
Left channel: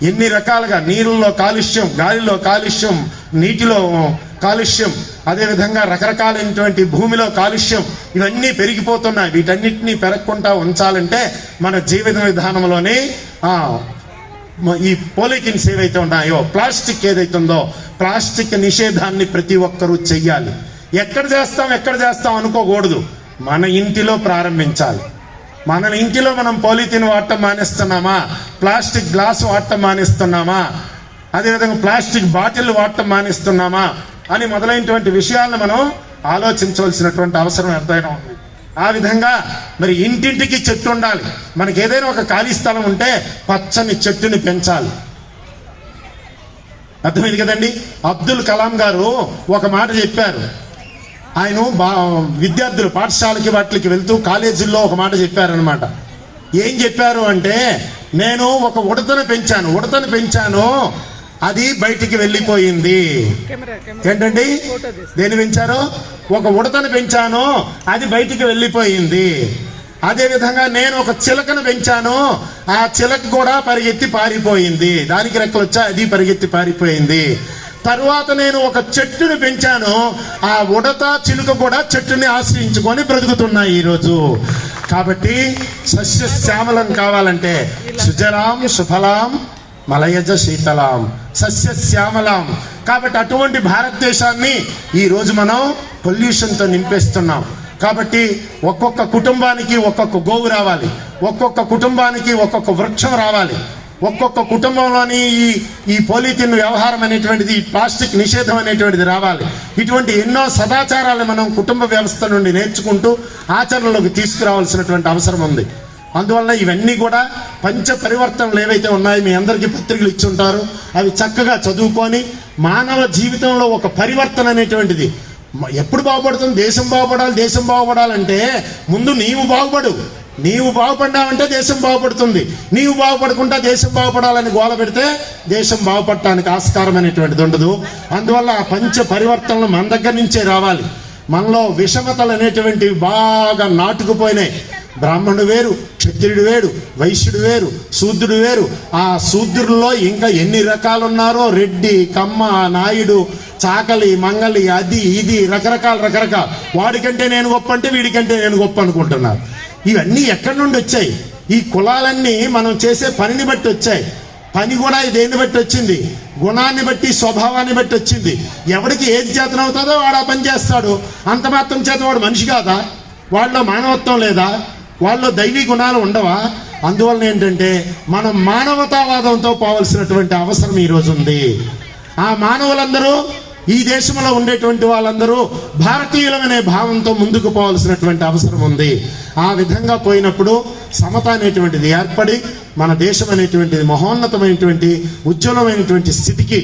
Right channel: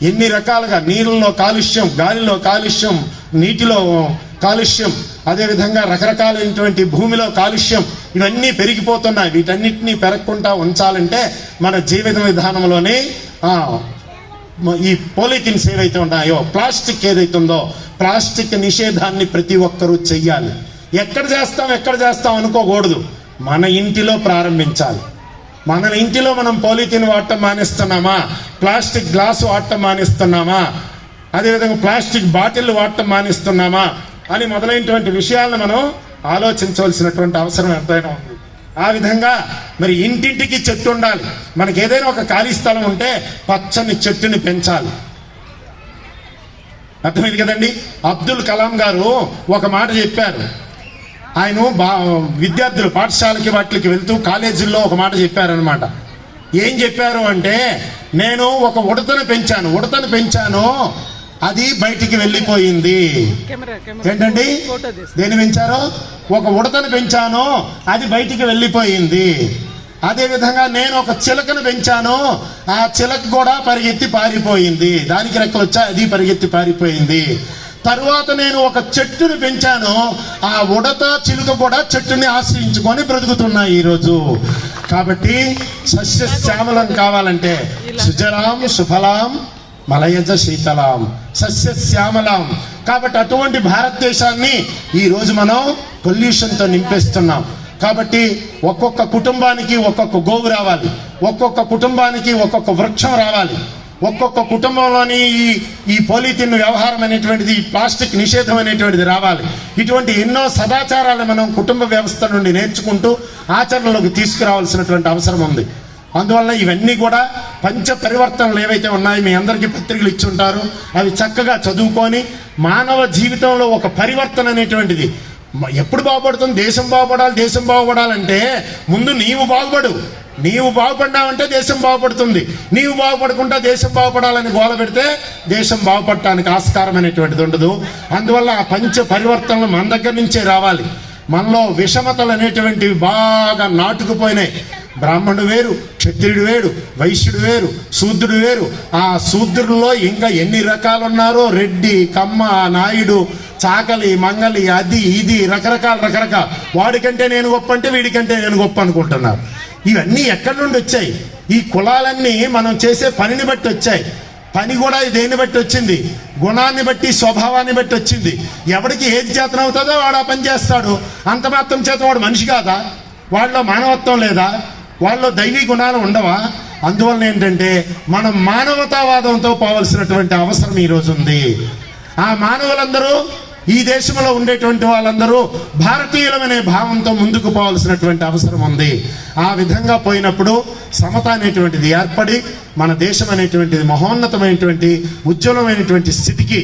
ఎన్ని రకాలుగా, నీరుల్లో కాలుష్యం, గాలిలో కాలుష్యం, నీటిలో కాలుష్యం, అదేవిధంగా రకరకాలైనటువంటి భూమిలో కాలుష్యం, ఇవన్నీ పెరిగిపోతున్నాయి. వీటన్నిటినీ పెరగకుండా ఉంచాలంటే మన జీవిత విధానంలోనే ఈ పాలిథిన్స్ ఏవైతే ఉన్నాయో, ప్లాస్టిక్ ఏదైతుందో, ప్లాస్టిక్ నిషేధాన్ని ప్రతి ఒక్కరూ చెయ్యాలి. ఎక్కడ చేస్తాం అనుకోకూడదు. మన ఇంటిలో ప్రారంభించాలి. మన ఇంటిలో మనం పాలిథిన్ వాడటం మానేస్తున్నామా, ప్లాస్టిక్ గ్లాసు వాడటం మానేస్తున్నామా, అదేవిధంగా ప్లాస్టిక్ బాటిల్ వాడటం మానేస్తున్నామా అని మొదలైనటువంటి విషయాలను మనం ఆలోచించవలసినటువంటి అవసరం ఎంతైనా ఉంది. ఆ విధంగా మరి ఇంటింటికి చెట్టు ఉండాలి. మనకి ఏదైనా ఒక ఖాళీ స్థలం ఉంటే పచ్చని చెట్టుని పెంచాలి. అర్థమైంది కదండి? అబ్దుల్ కలాం గారు ఒక మాట చెప్పారు. ఆయన విద్యార్థులు పాఠశాలకి వాటికి వెళ్తూ కాలేజీల్లో ఒక మాట చెప్పారనమాట. ఏం చెప్పారు అంటే, నేను ఒక ఉడతను పెంచాను, అది బయటికి వెళ్ళిపోయింది. ఏంటండి దేని పెంచారు? ఒక ఉడతను పెంచాను, అది బయటికి వెళ్ళిపోయింది. అదే విధంగా నేను ఒక చిలకను పెంచాను, ఆ చిలక కూడా పరిగెత్తి పారిపోయింది. దానికి రెక్కలు వచ్చా, అది పరిగెత్తి పారిపోయింది. తరువాత నేను ఒక చెట్టును పెంచాను, ఆ ఉడత చిలుక కూడా చెట్టుని ఆశ్రయించుకొని బ్రతుకుతున్నాయి ఈరోజు. కాబట్టి సస్యశ్యామలం కావాలంటే సుజలాం సుఫలాం మలయజ శీతలాం సస్యశ్యామలాం. కాబట్టి అటువంటి భారతదేశాన్ని ఈ రోజు మనం పొల్యూషన్తో నింపేస్తున్నాం. కాబట్టి ఒక్కొక్క కుటుంబానికి ఒక్కొక్క గోవు రావాలి, ఒక్కొక్క కుటుంబానికి ఒక్కొక్క వృక్షం రావాలి, ఒక్కొక్క కుటుంబంలోని ఈ పాలిథిన్ వ్యవహారం అనేటువంటిది, ఈ ప్లాస్టిక్ నిషేధం అనేటువంటిది రావాలి. ఇటువంటి ఎన్నో సదాచారాలను మనం కుటుంబ వ్యవస్థ నుండి నేర్చుకుంటూ ఆచరణలోకి తీసుకురావాల్సినటువంటి అవసరం ఉంది. అందువల్ల ఇవన్నీ కూడా పంచ పరివర్తనలు ఏవైతే ఉన్నాయో మీ అందరికీ పత్రికలు ఇచ్చి ఉంటారు, అవి చక్కగా చదువుకొని మానవ జీవితంలో ఒక పరివర్తన అనేటువంటిది ఎప్పుడు బాగుపడుతుంది? దేశం బాగుపడాలంటే ముందు నీవు బాగుపడు. నీవు బాగుపడ్డావంటే దేశం బాగుపడుతుంది. నీవు బాగుపడకుండా దేశం బాగుపడాలని గోల పెడితే దేశం బాగుపడటానికి ఆస్కారం అనేటువంటిది ఉండదు. అందువల్ల ఆ పంచ పరివర్తనలు మన దగ్గర నుంచే రావాలి. మనలో విషమతలు అనేటువంటివి బాగా నాటుకుపోయినాయి. బ్రాహ్మణుడు వేరు, క్షత్రియుడు వేరు, వైశ్యుడు వేరు, శూద్రుడు వేరు. ఆ శూద్రుల్లో ఇంకా ఎన్ని రకాలు ఉన్నారో, రెడ్డి, కమ్మ, నాయుడు, చాకలి, మంగలి, అది ఇది రకరకాల. వాడికంటే నేను గొప్ప అంటే వీడికంటే నేను గొప్ప అనుకుంటున్నారు. ఇవన్నీ ఎక్కడి నుండి వచ్చాయి? ఈ కులాలన్నీ మనం చేసే పనిని బట్టి వచ్చాయి. పని కూడా దేన్ని బట్టి వచ్చింది? గుణాన్ని బట్టి, స్వభావాన్ని బట్టి వచ్చింది. ఎవరికి ఏది చేతనవుతుందో వాడు ఆ పని చేస్తాడు. అంత మాత్రం చేత వాడు మనిషి కాదా? వాళ్ళలో మానవత్వం లేదా? వాళ్ళలో దైవీ గుణాలు ఉండవా? అందువల్ల ఏంటంటే మనం మానవతావాదంతో పోవలసినటువంటి అవసరం ఈరోజు ఉంది. ఆ మానవులందరూ, ఈ దేశంలో ఉండేటువంటి వాళ్ళందరూ భారతీయులమనే భావంతో ముందుకు పోవాల్సినటువంటి అవసరం ఉంది. ఆ విధంగా పోయినప్పుడు సమత అనేటువంటిది ఏర్పడి మన దేశం అనేటువంటిది మహోన్నతమైనటువంటి ఉజ్వలమైనటువంటి స్థితికి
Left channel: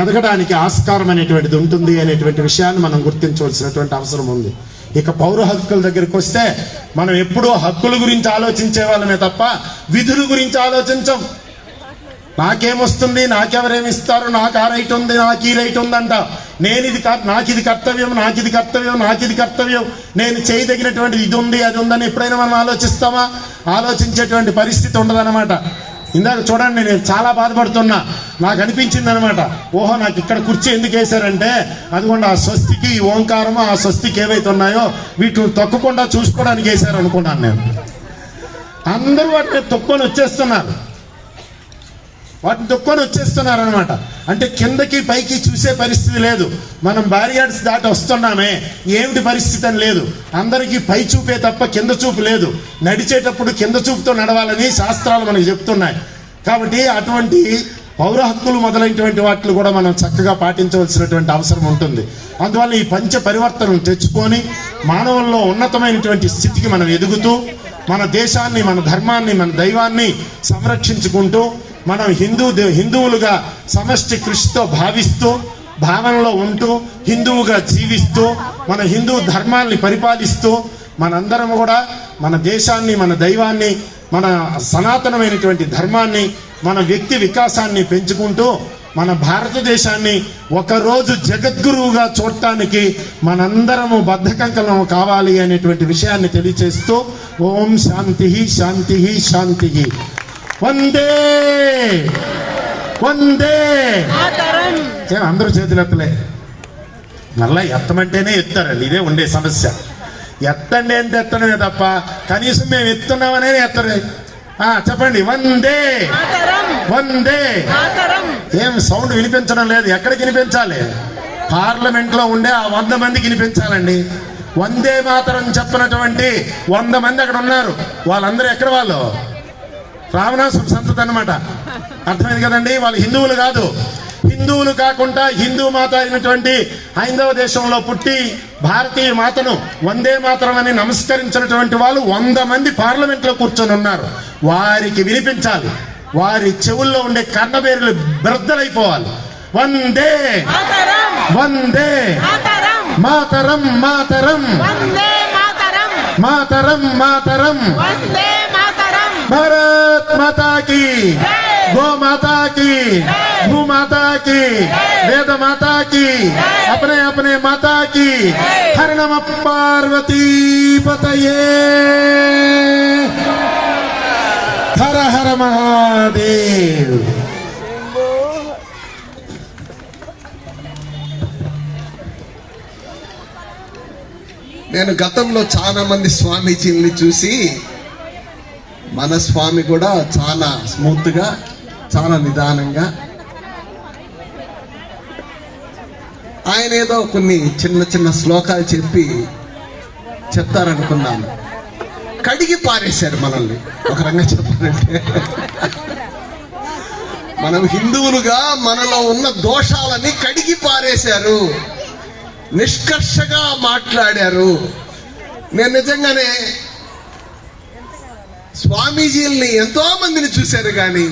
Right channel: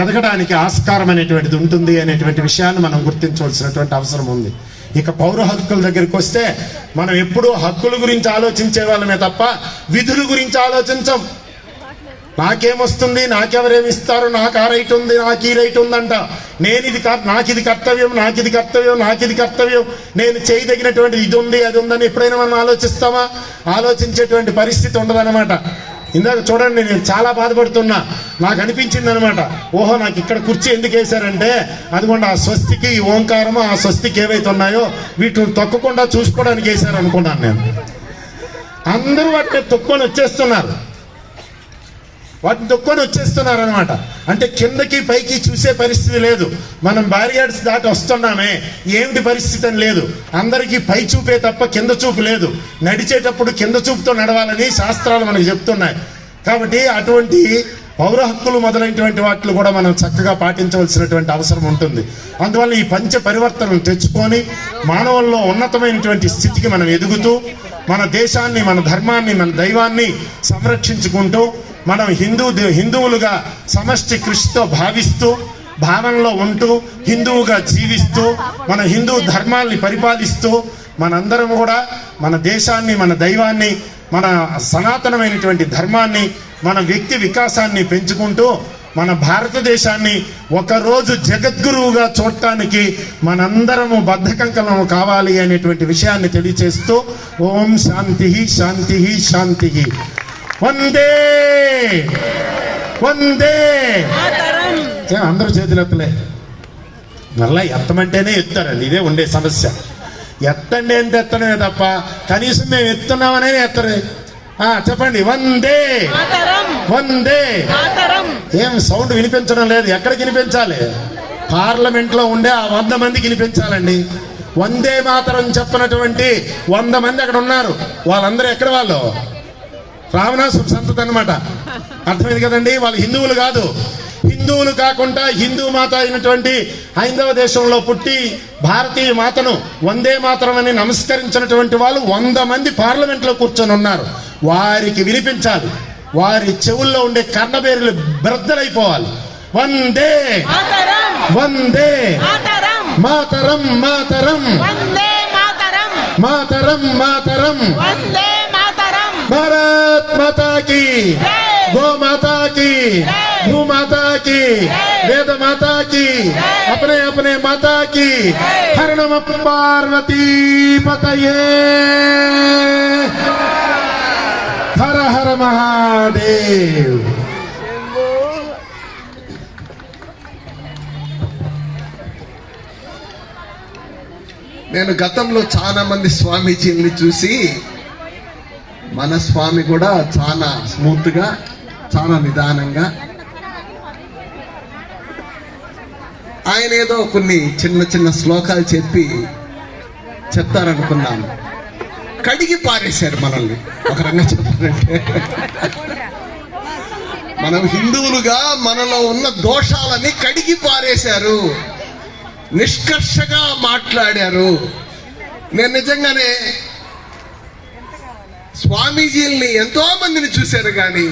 ఎదగడానికి ఆస్కారం అనేటువంటిది ఉంటుంది అనేటువంటి విషయాన్ని మనం గుర్తించవలసినటువంటి అవసరం ఉంది. ఇక పౌర హక్కుల దగ్గరికి వస్తే మనం ఎప్పుడూ హక్కుల గురించి ఆలోచించే వాళ్ళమే తప్ప విధుల గురించి ఆలోచించం. నాకేమొస్తుంది, నాకెవరేమిస్తారు, నాకు ఆ రైట్ ఉంది, నాకు ఈ రైట్ ఉందంట, నాకు ఇది కర్తవ్యం, నేను చేయదగినటువంటి ఇది ఉంది అది ఉందని ఎప్పుడైనా మనం ఆలోచిస్తామా? ఆలోచించేటువంటి పరిస్థితి ఉండదన్నమాట. ఇందాక చూడండి, నేను చాలా బాధపడుతున్నా. నాకు అనిపించింది అనమాట, ఓహో నాకు ఇక్కడ కుర్చీ ఎందుకు వేశారంటే అదిగోండి ఆ స్వస్తికి, ఈ ఓంకారము, ఆ స్వస్తికి ఏవైతే ఉన్నాయో వీటిని తొక్కకుండా చూసుకోవడానికి వేశారు అనుకున్నాను నేను. అందరూ వాటిని తొక్కొని వచ్చేస్తున్నారు అనమాట. అంటే కిందకి పైకి చూసే పరిస్థితి లేదు. మనం బ్యారియార్డ్స్ దాటి వస్తున్నామే, ఏమిటి పరిస్థితి అని లేదు. అందరికీ పై చూపే తప్ప కింద చూపు లేదు. నడిచేటప్పుడు కింద చూపుతో నడవాలని శాస్త్రాలు మనకు చెప్తున్నాయి. కాబట్టి అటువంటి పౌర హక్కులు మొదలైనటువంటి వాటిని కూడా మనం చక్కగా పాటించవలసినటువంటి అవసరం ఉంటుంది. అందువల్ల ఈ పంచ పరివర్తనలు తెచ్చుకొని మానవుల్లో ఉన్నతమైనటువంటి స్థితికి మనం ఎదుగుతూ మన దేశాన్ని, మన ధర్మాన్ని, మన దైవాన్ని సంరక్షించుకుంటూ మనం హిందువులుగా సమష్టి కృషితో భావిస్తూ, భావనలో ఉంటూ, హిందువుగా జీవిస్తూ, మన హిందూ ధర్మాన్ని పరిపాలిస్తూ మనందరం కూడా మన దేశాన్ని, మన దైవాన్ని, మన సనాతనమైనటువంటి ధర్మాన్ని, మన వ్యక్తి వికాసాన్ని పెంచుకుంటూ మన భారతదేశాన్ని ఒకరోజు జగద్గురువుగా చూడటానికి మనందరము బద్ధకంకలము కావాలి అనేటువంటి విషయాన్ని తెలియచేస్తూ ఓం శాంతి శాంతి శాంతి. వందే వందే. ఏం అందరూ చేతులు ఎత్తలే? మళ్ళా ఎత్తమంటేనే ఎత్తారండి, ఇదే ఉండే సమస్య. ఎత్తండి ఎంత ఎత్తడమే తప్ప కనీసం మేము ఎత్తున్నామనే ఎత్తరే. చెప్పండి, వందే వందే. ఏం సౌండ్ వినిపించడం లేదు. ఎక్కడికి వినిపించాలి? పార్లమెంట్ లో ఉండే ఆ 100 మందికి వినిపించాలండి. వందే మాతరం చెప్పినటువంటి 100 మంది అక్కడ ఉన్నారు. వాళ్ళందరూ ఎక్కడ? వాళ్ళు రావణాసు సంతతి అనమాట. అర్థమైంది కదండి? వాళ్ళు హిందువులు కాదు. హిందువులు కాకుండా హిందూ మాత అయినటువంటి హైందవ దేశంలో పుట్టి భారతీయ మాతను వందే మాతరం అని నమస్కరించినటువంటి వాళ్ళు 100 మంది పార్లమెంట్ లో కూర్చొని ఉన్నారు. వారికి వినిపించాలి. వారి చెవుల్లో ఉండే కన్నబేరులు బెర్దలైపోవాలి. వందే వందే మాతరం మాతరం మాతరం మాతరం భారత్ మాతా కీ, గో మాతా కీ, భూ మాతా కీ, వేద మాతా కీ, अपने अपने माता की। हर नम पार्वती पतये, हर हर महादेव। నేను గతంలో చాలా మంది స్వామీజీని చూసి మన స్వామి కూడా చాలా స్మూత్ గా, చాలా నిదానంగా, ఆయన ఏదో కొన్ని చిన్న చిన్న శ్లోకాలు చెప్తారనుకున్నాను. కడిగి పారేశారు మనల్ని. ఒక రంగా చెప్పాలంటే మనం హిందువులుగా మనలో ఉన్న దోషాలని కడిగి పారేశారు, నిష్కర్షగా మాట్లాడారు. నేను నిజంగానే స్వామీజీల్ని ఎంతో మందిని చూశారు, కానీ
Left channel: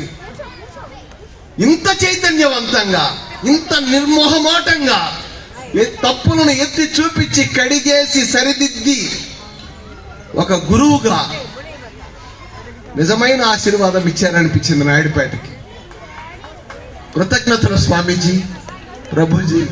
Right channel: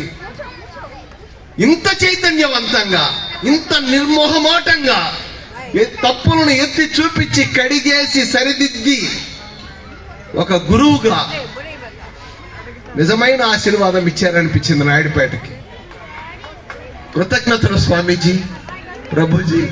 ఇంత చైతన్యవంతంగా, ఇంత నిర్మోహమాటంగా తప్పులను ఎత్తి చూపించి కడిగేసి సరిదిద్ది ఒక గురువుగా నిజమైన ఆశీర్వాదం ఇచ్చారనిపించింది నాయుడుపేటకి. కృతజ్ఞతలు స్వామీజీ, ప్రభుజీ.